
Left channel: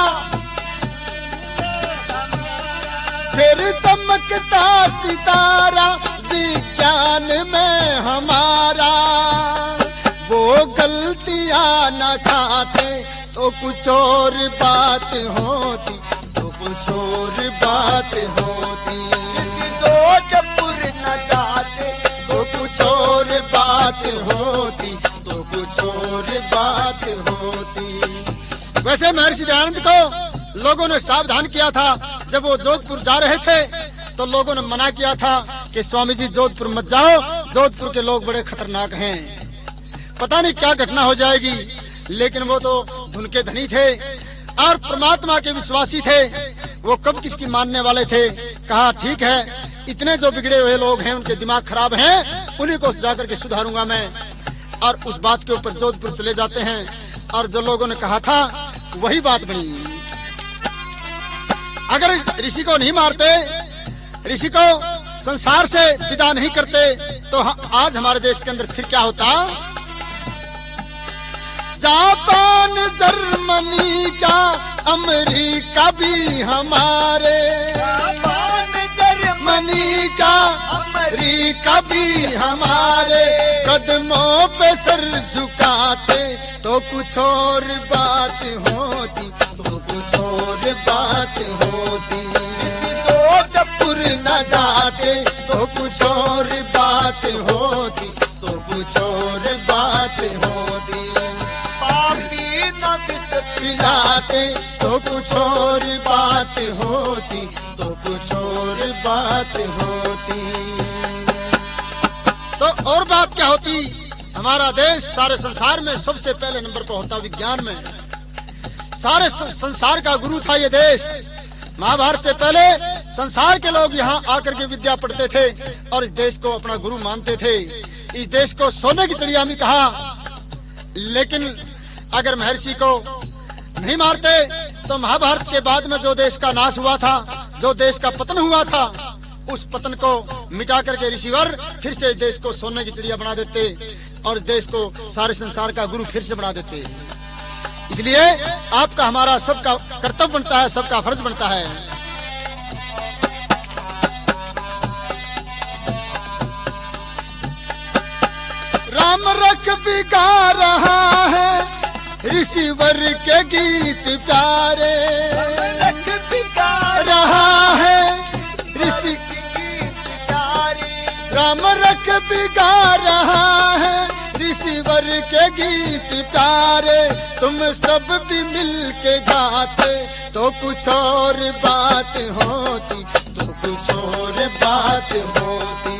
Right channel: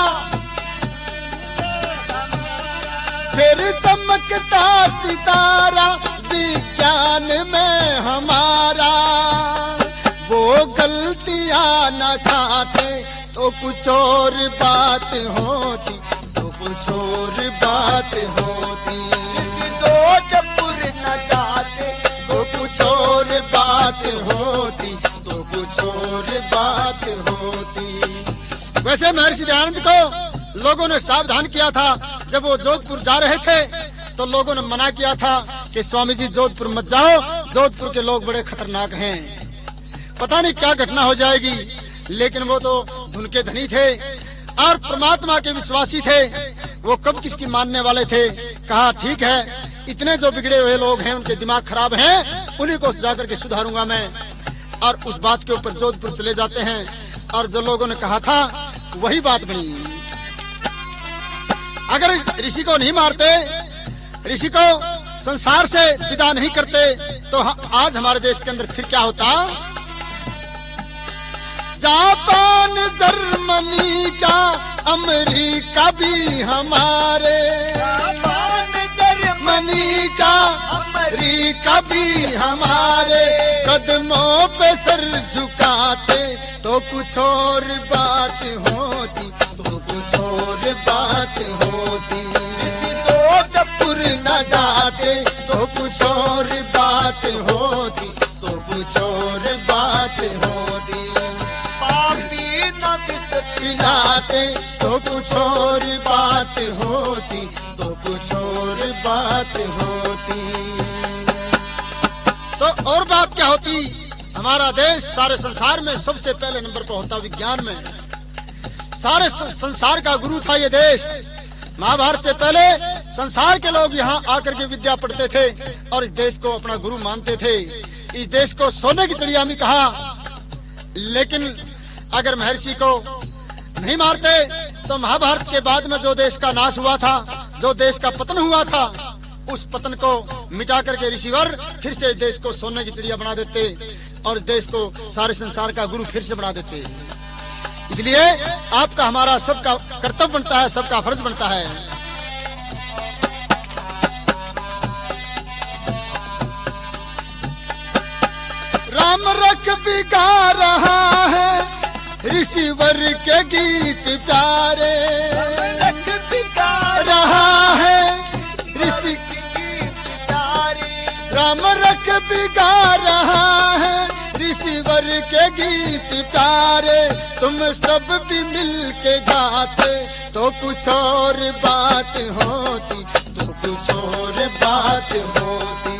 फिर चमकता सितारा विज्ञान में हमारा। वो गलतियां न खाते तो कुछ और बात होती, तो कुछ और बात होती। जोधपुर न जाते तो कुछ और बात होती, तो कुछ और बात होती। वैसे महर्षि दयानंद को लोगों ने सावधान किया था। जब वो जोधपुर जा रहे थे तो लोगों ने मना किया था कि स्वामी जी जोधपुर मत जाओ, जोधपुर के लोग बड़े खतरनाक हैं, पता नहीं क्या घटना हो जाएगी। लेकिन वो तो धुन के धनी थे और परमात्मा के विश्वासी थे, वो कब किसकी मानने वाले थे। कहा ठीक है, इतने जो बिगड़े हुए लोग हैं, उनके दिमाग खराब हैं, उन्हीं को जाकर के सुधारूंगा मैं। और उस बात के ऊपर जोधपुर चले जाते हैं और जो लोगों ने कहा था वही बात बनी। अगर ऋषि को नहीं मारते, ऋषि को संसार से विदा नहीं करते तो आज हमारे देश के अंदर फिर क्या होता। जापान, जर्मनी का, अमेरिका भी हमारे, जापान, जर्मनी का, अमेरिका भी हमारे कदमों पे सर झुकाते तो कुछ और बात होती, तो कुछ और बात होती। जोधपुर न जाते तो कुछ और बात होती, तो कुछ और बात होती। पिलाते तो कुछ और बात होती, तो कुछ और बात होती। तो और बात क्या होती। हमारा देश सारे संसार में सबसे पहले नंबर पर होता विज्ञान में। सारे संसार का गुरु था ये देश। महाभारत से पहले संसार के लोग यहाँ आकर के विद्या पढ़ते थे और इस देश को अपना गुरु मानते थे। इस देश को सोने की चिड़िया भी कहा। लेकिन अगर महर्षि को नहीं मारते तो महाभारत के बाद में जो देश का नाश हुआ था, जो देश का पतन हुआ था, उस पतन को मिटा करके ऋषिवर फिर से देश को सोने की चिड़िया बना देते और देश को सारे संसार का गुरु फिर से बना देते। इसलिए आपका, हमारा सबका कर्तव्य बनता है, सबका फर्ज बनता है। राम रख बिगा रहा है ऋषिवर के गीत प्यारे, रख बिगा रहा है ऋषि गीत प्यारे। राम रख बिगा रहा है ऋषिवर के गीत प्यारे। तुम सब भी मिल के गाते तो कुछ और बात होती, तो कुछ और बात होती।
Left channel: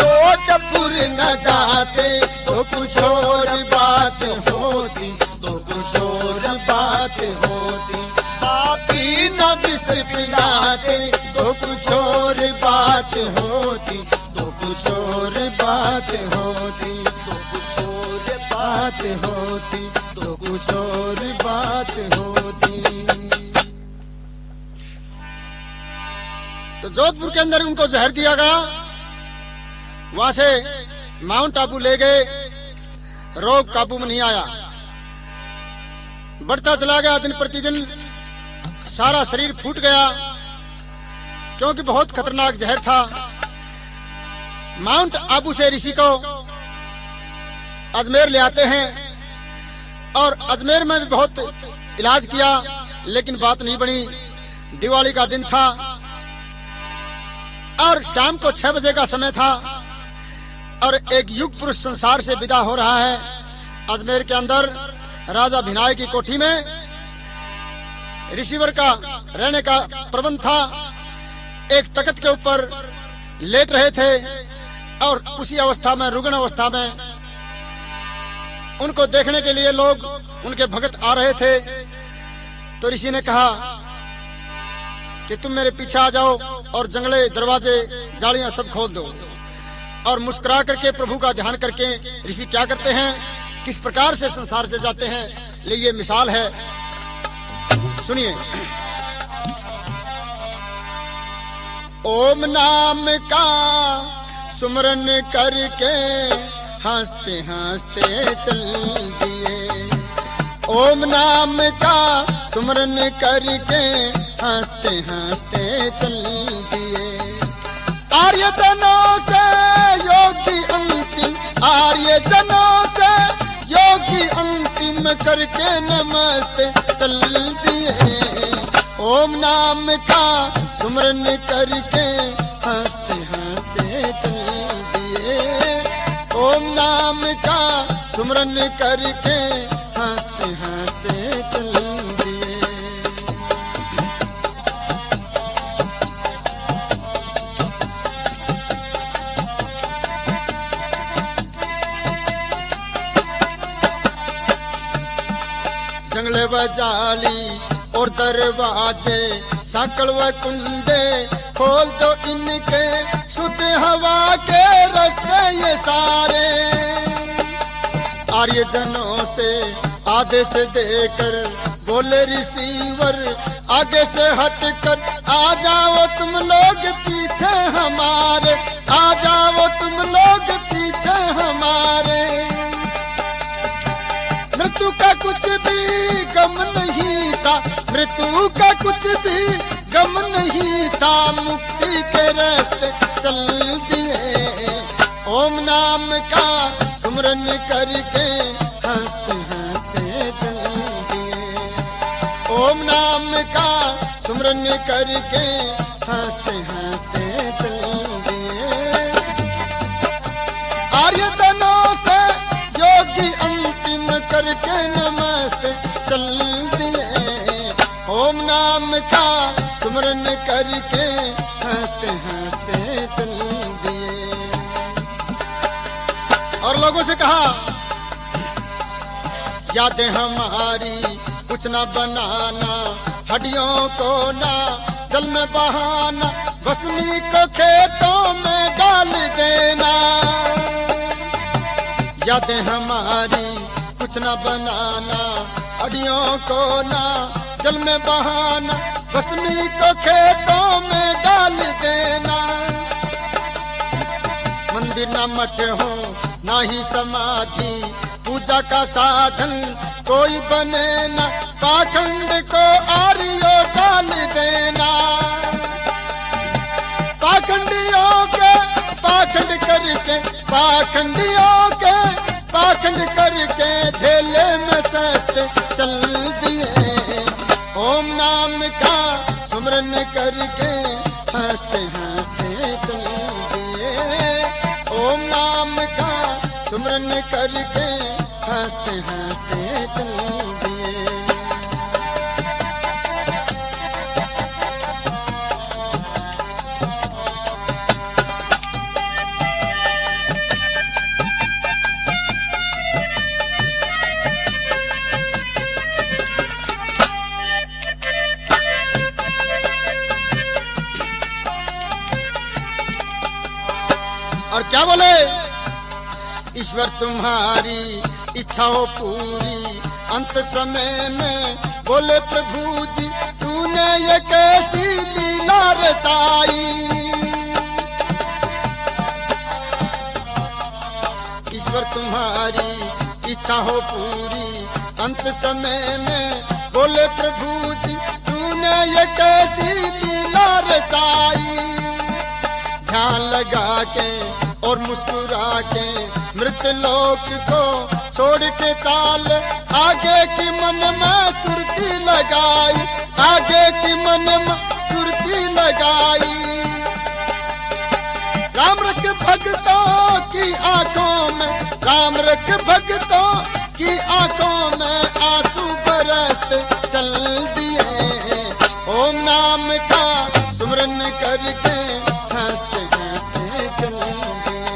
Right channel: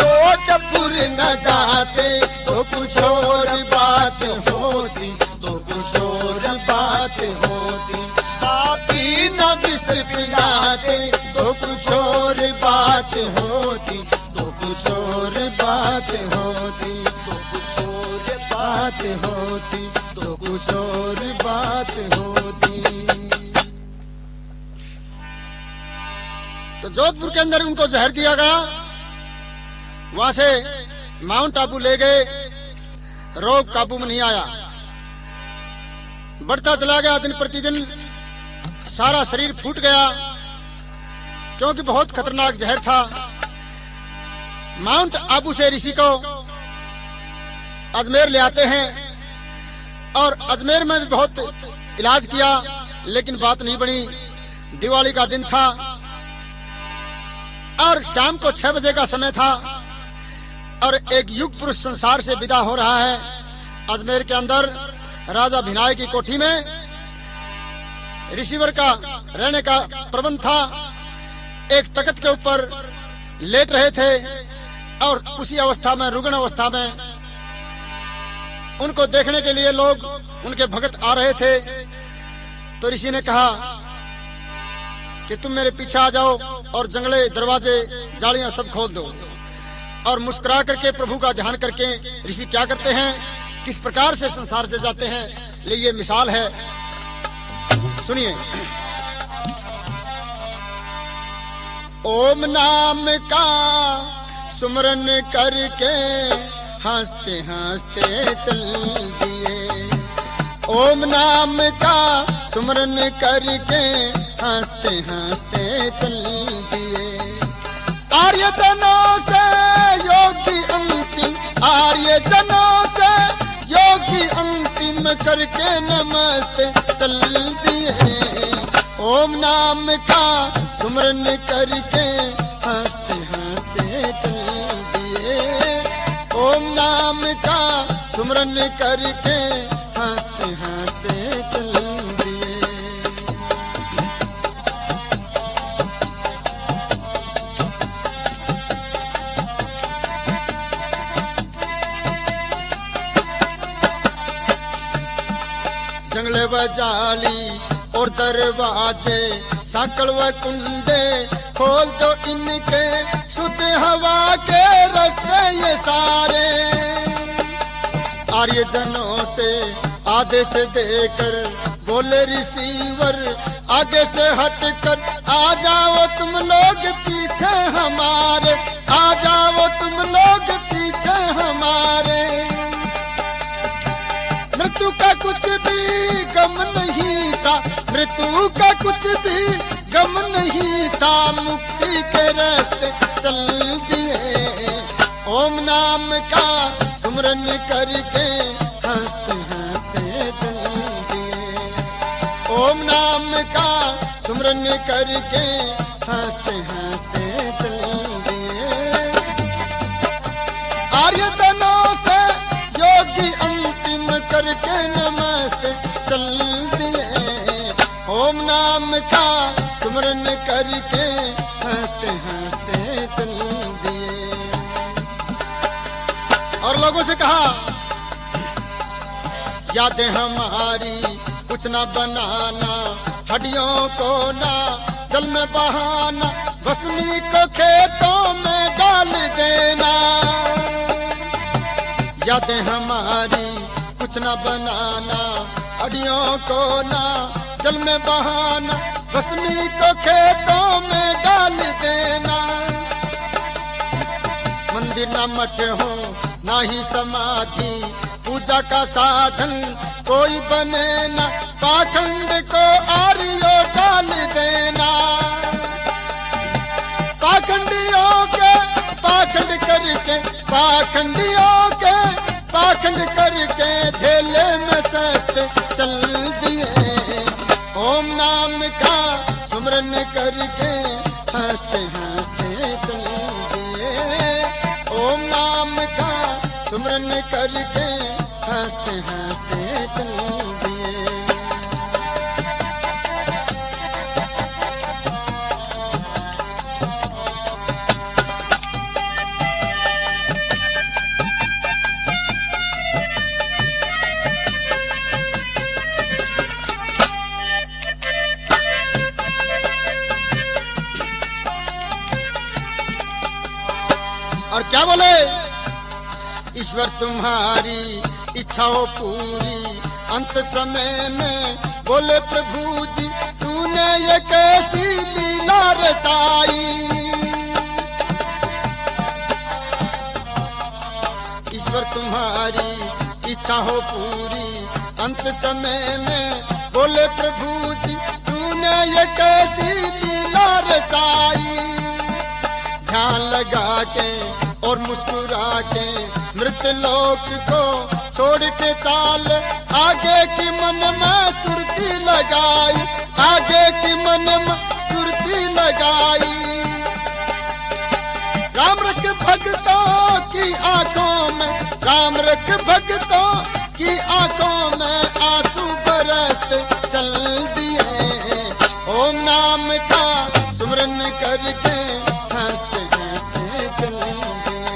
जोधपुर न जाते तो कुछ और बात होती, तो कुछ और बात होती। पापी न विष पिलाते तो कुछ और बात होती, तो कुछ और बात होती, तो कुछ और बात होती, तो कुछ और बात होती। तो जोधपुर के अंदर उनको जहर दिया गया। वहां से माउंट आबू ले गए, रोग काबू में नहीं आया। बढ़ता चला गया। दिन प्रतिदिन सारा शरीर फूट गया, क्योंकि बहुत खतरनाक जहर था। माउंट आबू से ऋषि को अजमेर ले आते हैं और अजमेर में भी बहुत इलाज किया, लेकिन बात नहीं बनी। दिवाली का दिन था और शाम को 6 बजे का समय था और एक युग पुरुष संसार से विदा हो रहा है। अजमेर के अंदर राजा भिनाय की कोठी में ऋषिवर का रहने का प्रबंध था। एक तख्त के ऊपर लेट रहे थे और उसी अवस्था में, रुग्ण अवस्था में, उनको देखने के लिए लोग, उनके भक्त आ रहे थे। तो ऋषि ने कहा कि तुम मेरे पीछे आ जाओ और जंगले, दरवाजे, जालियां सब खोल दो। और मुस्कुरा करके, प्रभु का ध्यान करके ऋषि क्या करते हैं, किस प्रकार से संसार से जाते हैं, ये मिसाल है। सुनिए। ओम नाम का सुमरन करके हंसते हंसते चल दिए। ओम नाम का सुमरन करके हंसते हंसते चल दिए। आर्य जनों से योगी अंतिम, आर्य जनों से योगी अंतिम करके नमस्ते चल दिए। ओम नाम का सुमरन करके हंसते हंसते चल दिए। ओम नाम का सुमरन करके हंसते हंसते चल दिए। जंगले व जाली और दरवाजे, साकल व कुंडे खोल दो इनके, शुद्ध हवा के रास्ते ये सारे। आर्य जनों से आदेश देकर बोले रिसीवर, आगे से हटकर आ जाओ तुम लोग पीछे हमारे, आ जाओ तुम लोग पीछे हमारे। मृत्यु का कुछ भी गम नहीं था, मृत्यु का कुछ भी गम नहीं था, मुक्ति के रास्ते चल दिए। ओम नाम का सुमरन करके हंसते हंसते चल दिए। ओम नाम का सुमरन करके हंसते हंसते चल दिए। आर्य जनों से योगी अंतिम करके नमस्ते चल दिए। ओम नाम का सुमरन करके हंसते हंसते चल दिए। और लोगों से कहा, यादें हमारी कुछ न बनाना, हड्डियों को ना जल में बहाना, भस्मी को खेतों में डाल देना। यादें हमारी कुछ न बनाना, हड्डियों को ना जल में बहाना, भस्मी को खेतों में डाल देना। मंदिर न मठ हो ना ही समाधि, पूजा का साधन कोई बने ना, पाखंड को आर्यो डाल देना। पाखंडियों के पाखंड करके, पाखंडियों के पाखंड करके झेले में सस्ते चल दिए। ओम नाम का सुमरन करके हंसते हंसते चल दिए। ओम नाम का सुमरन करके हंसते हंसते चल दिए। और क्या बोले, ईश्वर तुम्हारी इच्छा हो पूरी, अंत समय में बोले प्रभु जी तूने ये कैसी लीला रचाई। ईश्वर तुम्हारी इच्छा हो पूरी। अंत समय में बोले प्रभु जी तूने ये कैसी लीला रचाई। ध्यान लगा के और मुस्कुरा के मृत लोक को छोड़ के चाल, आगे की मन में सुरती लगाई, आगे की मन में सुरती लगाई। राम रख भक्तों की आंखों में, राम रख भक्तों की आंखों में आंसू बरसते चल दिए। ओम नाम का सुमरन करके हंसते हंसते चल दिए।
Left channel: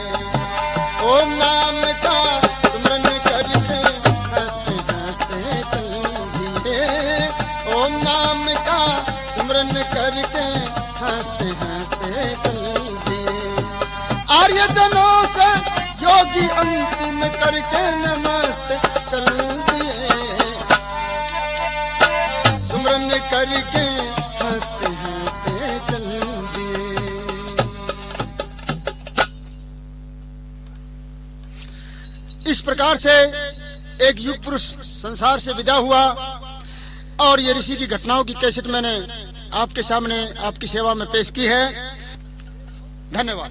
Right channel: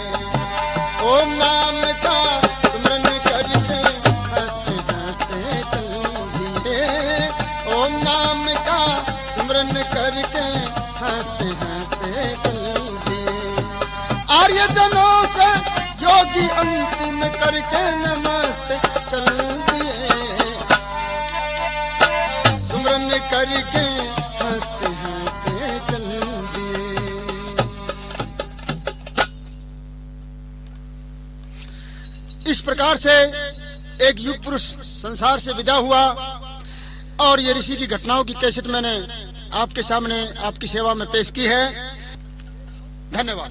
ओम नाम का सुमरन करके हंसते हंसते चल दिए। ओम नाम का सुमरन करके हंसते हंसते चल दिए। आर्य जनों से योगी अंतिम करके नमस्ते चल दिए। सुमरन करके हंसते हंसते चल दिए। इस प्रकार से एक युग पुरुष संसार से विदा हुआ और ये ऋषि की घटनाओं की कैसेट मैंने आपके सामने आपकी सेवा में पेश की है। धन्यवाद।